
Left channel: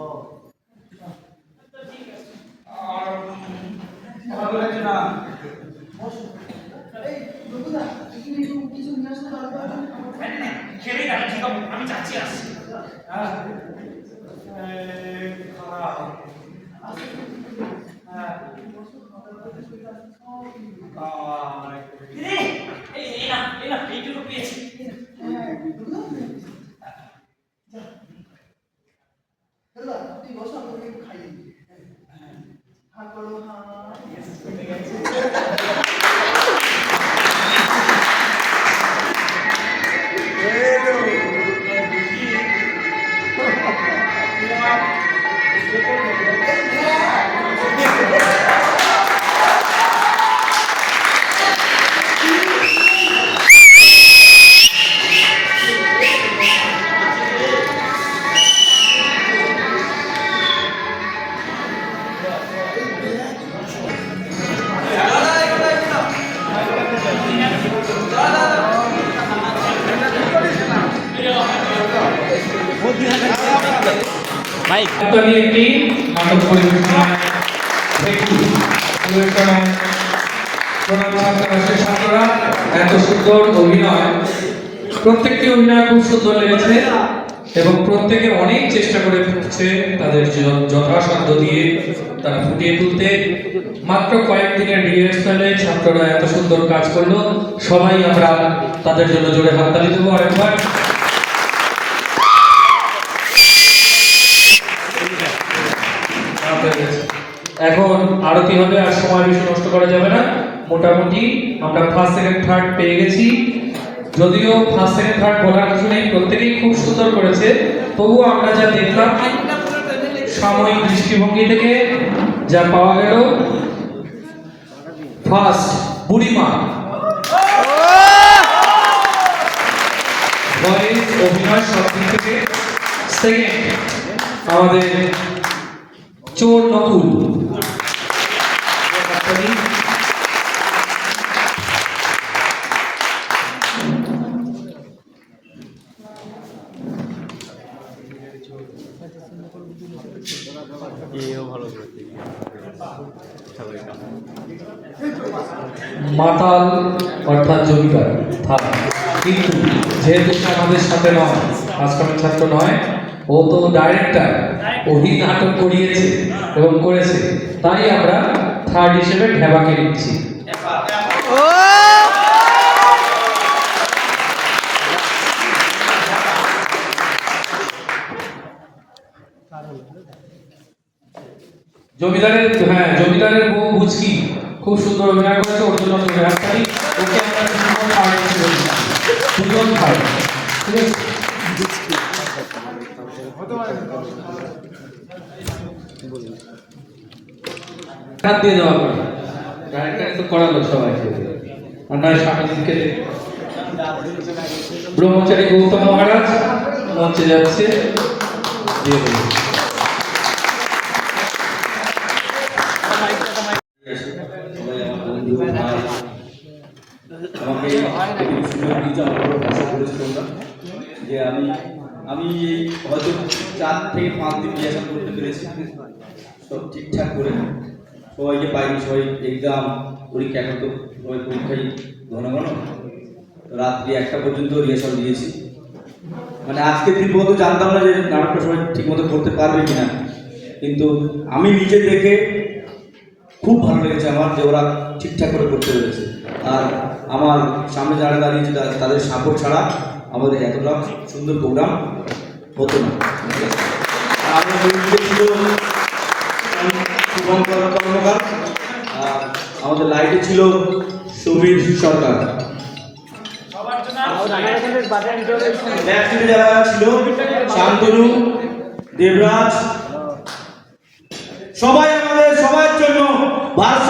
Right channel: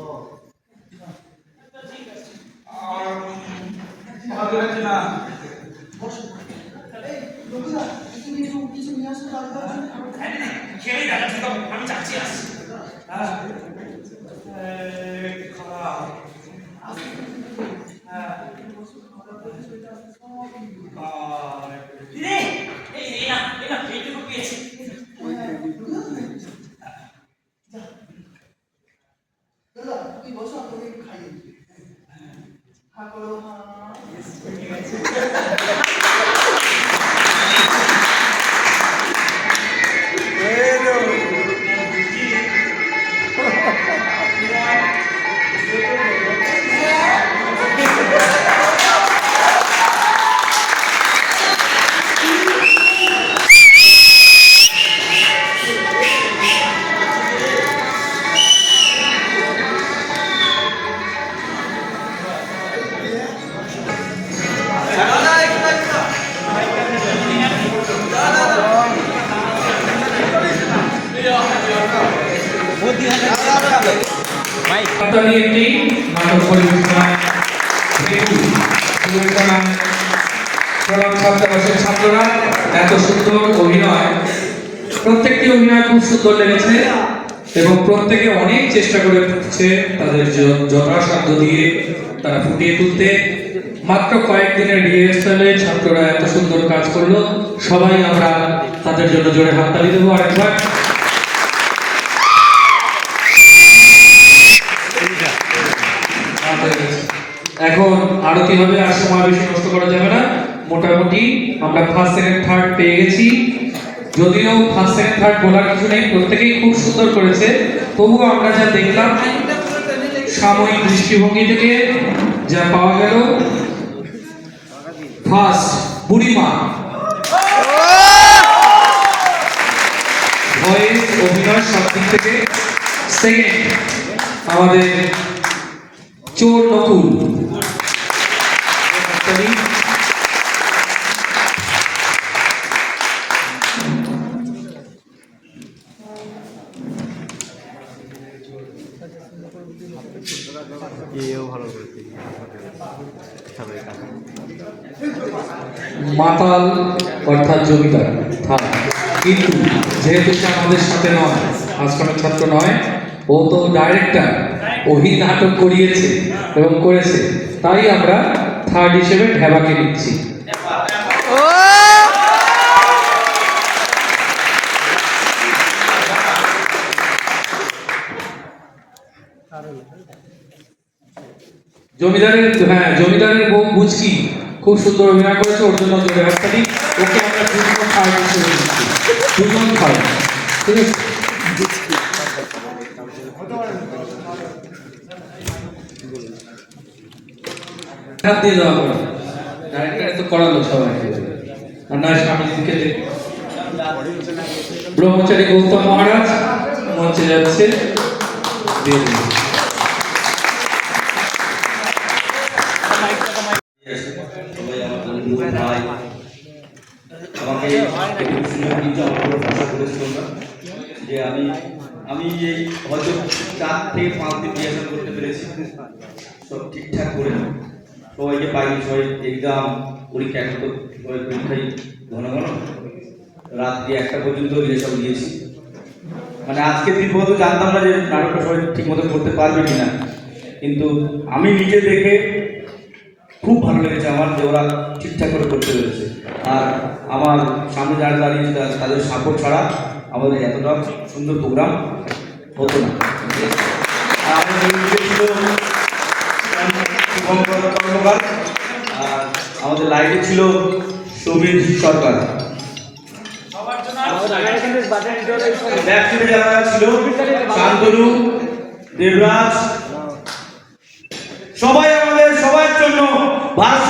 আচ্ছা ঠিক আছে আর ভালো লাগছে না এই লোকদা তুমি একটু কিছু নিয়ে আসো দাদা খেলে দেখা ঠিক হবে আমি যাচ্ছি আসছি হ্যাঁ খারাপ হ্যাঁ এইটুকু পেয়েছি দাদা তুই বসো আমি একটু খাইয়ে দিই হ্যাঁ করো হ্যাঁ আপনাদের একটি নাটক পরিবেশনা ছাত্ররা এত সুন্দর অভিনয়, প্রত্যেকটি অভিনয় খুব সুন্দর লেগেছে এবং প্রত্যেকে অনেক চেষ্টা করছে তাদের যথাসাধ্য দিয়ে তারা ফুটিয়ে তুলতে। মাত্র কয়েকদিনের রিহার্সালে ছাত্ররা এত সুন্দর কাজ করলো, সবাই আমরা তাদের জন্য জোরে হাততালি দেবো আরেকবার। এখন আরতি হবে, আর সময় বেশি নষ্ট করা যাবে না। মোটামুটি আমরা ফার্স্ট সেকেন্ড থার্ড পেয়ে গেছি, যদিও ফার্স্ট সেকেন্ড থার্ড বলার কিছু নেই, প্রত্যেকেই খুব সুন্দর করেছে। তবুও আমরা যা দেখলাম সাময়িক দৃষ্টিভঙ্গি থেকে যা পাওয়া গেল, ফার্স্ট বুড়িমা ভয়েস অভিনয় সব দিক থেকে, সেকেন্ড আমাদের চোর নকুল, মাতাল অর্থাৎ জমিদার। কিন্তু যেহেতু সে আমাদের সাথে নয়, আজকাল ছাত্র নয়, ও তো ডাইরেক্টর, ওই নাটক করিয়েছে এবং করেছে, তাই আমরা থার্ড হিসেবে ঢেবাকে নিচ্ছি। জমিদারের বউ বুঝকি খুব সুন্দর অভিনয় করেছে, ওর জন্য ওকে আমরা দুজন থার্ড হিসেবে নিচ্ছি। দুজন থার্ড, ঠিক আছে। হাত দিয়ে দেওয়া হবে, ডাইরেক্টর তো করালো সবাইকে, আর নয় স্বামীজিকে। ব্রহ্মচারী গৌতম মহারাজ মঞ্চে যাচ্ছে, দিয়ে দেবে। আমাকে যে আমি এই হয়তো 4 থেকে 5 দিন রিহার্সাল করতে পেরেছি, সব ঠিকঠাক করে সবাইকে পাইনি। সবাই এক্সাম পরীক্ষা, এখন তো সবাই পরীক্ষায় ঘন ঘন রাত্রি 1টা পর্যন্ত রিহার্সাল দিয়েছি। মানে আজকে দিন পর্যন্ত জানতাম না যে নাটকটা সবাই ঠিক মতো করতে পারবে কিনা, কিন্তু আমি নিজে দেখে খুব ভালো লেগেছে আমার যে ওরা ঠিকঠাক করে করতে পেরেছে। আর আমার সামনে যারা দাঁড়িয়েছে তাদের সাপোর্ট ছাড়া আমাদের এতটা সুন্দর প্রোগ্রাম হতো না। আর আমাদের লাইটে ছিল সুবীর সরকার, যারা ছিল শান্তনু, দেবরাজ, সবাই আমাদের সবার জন্য ভারত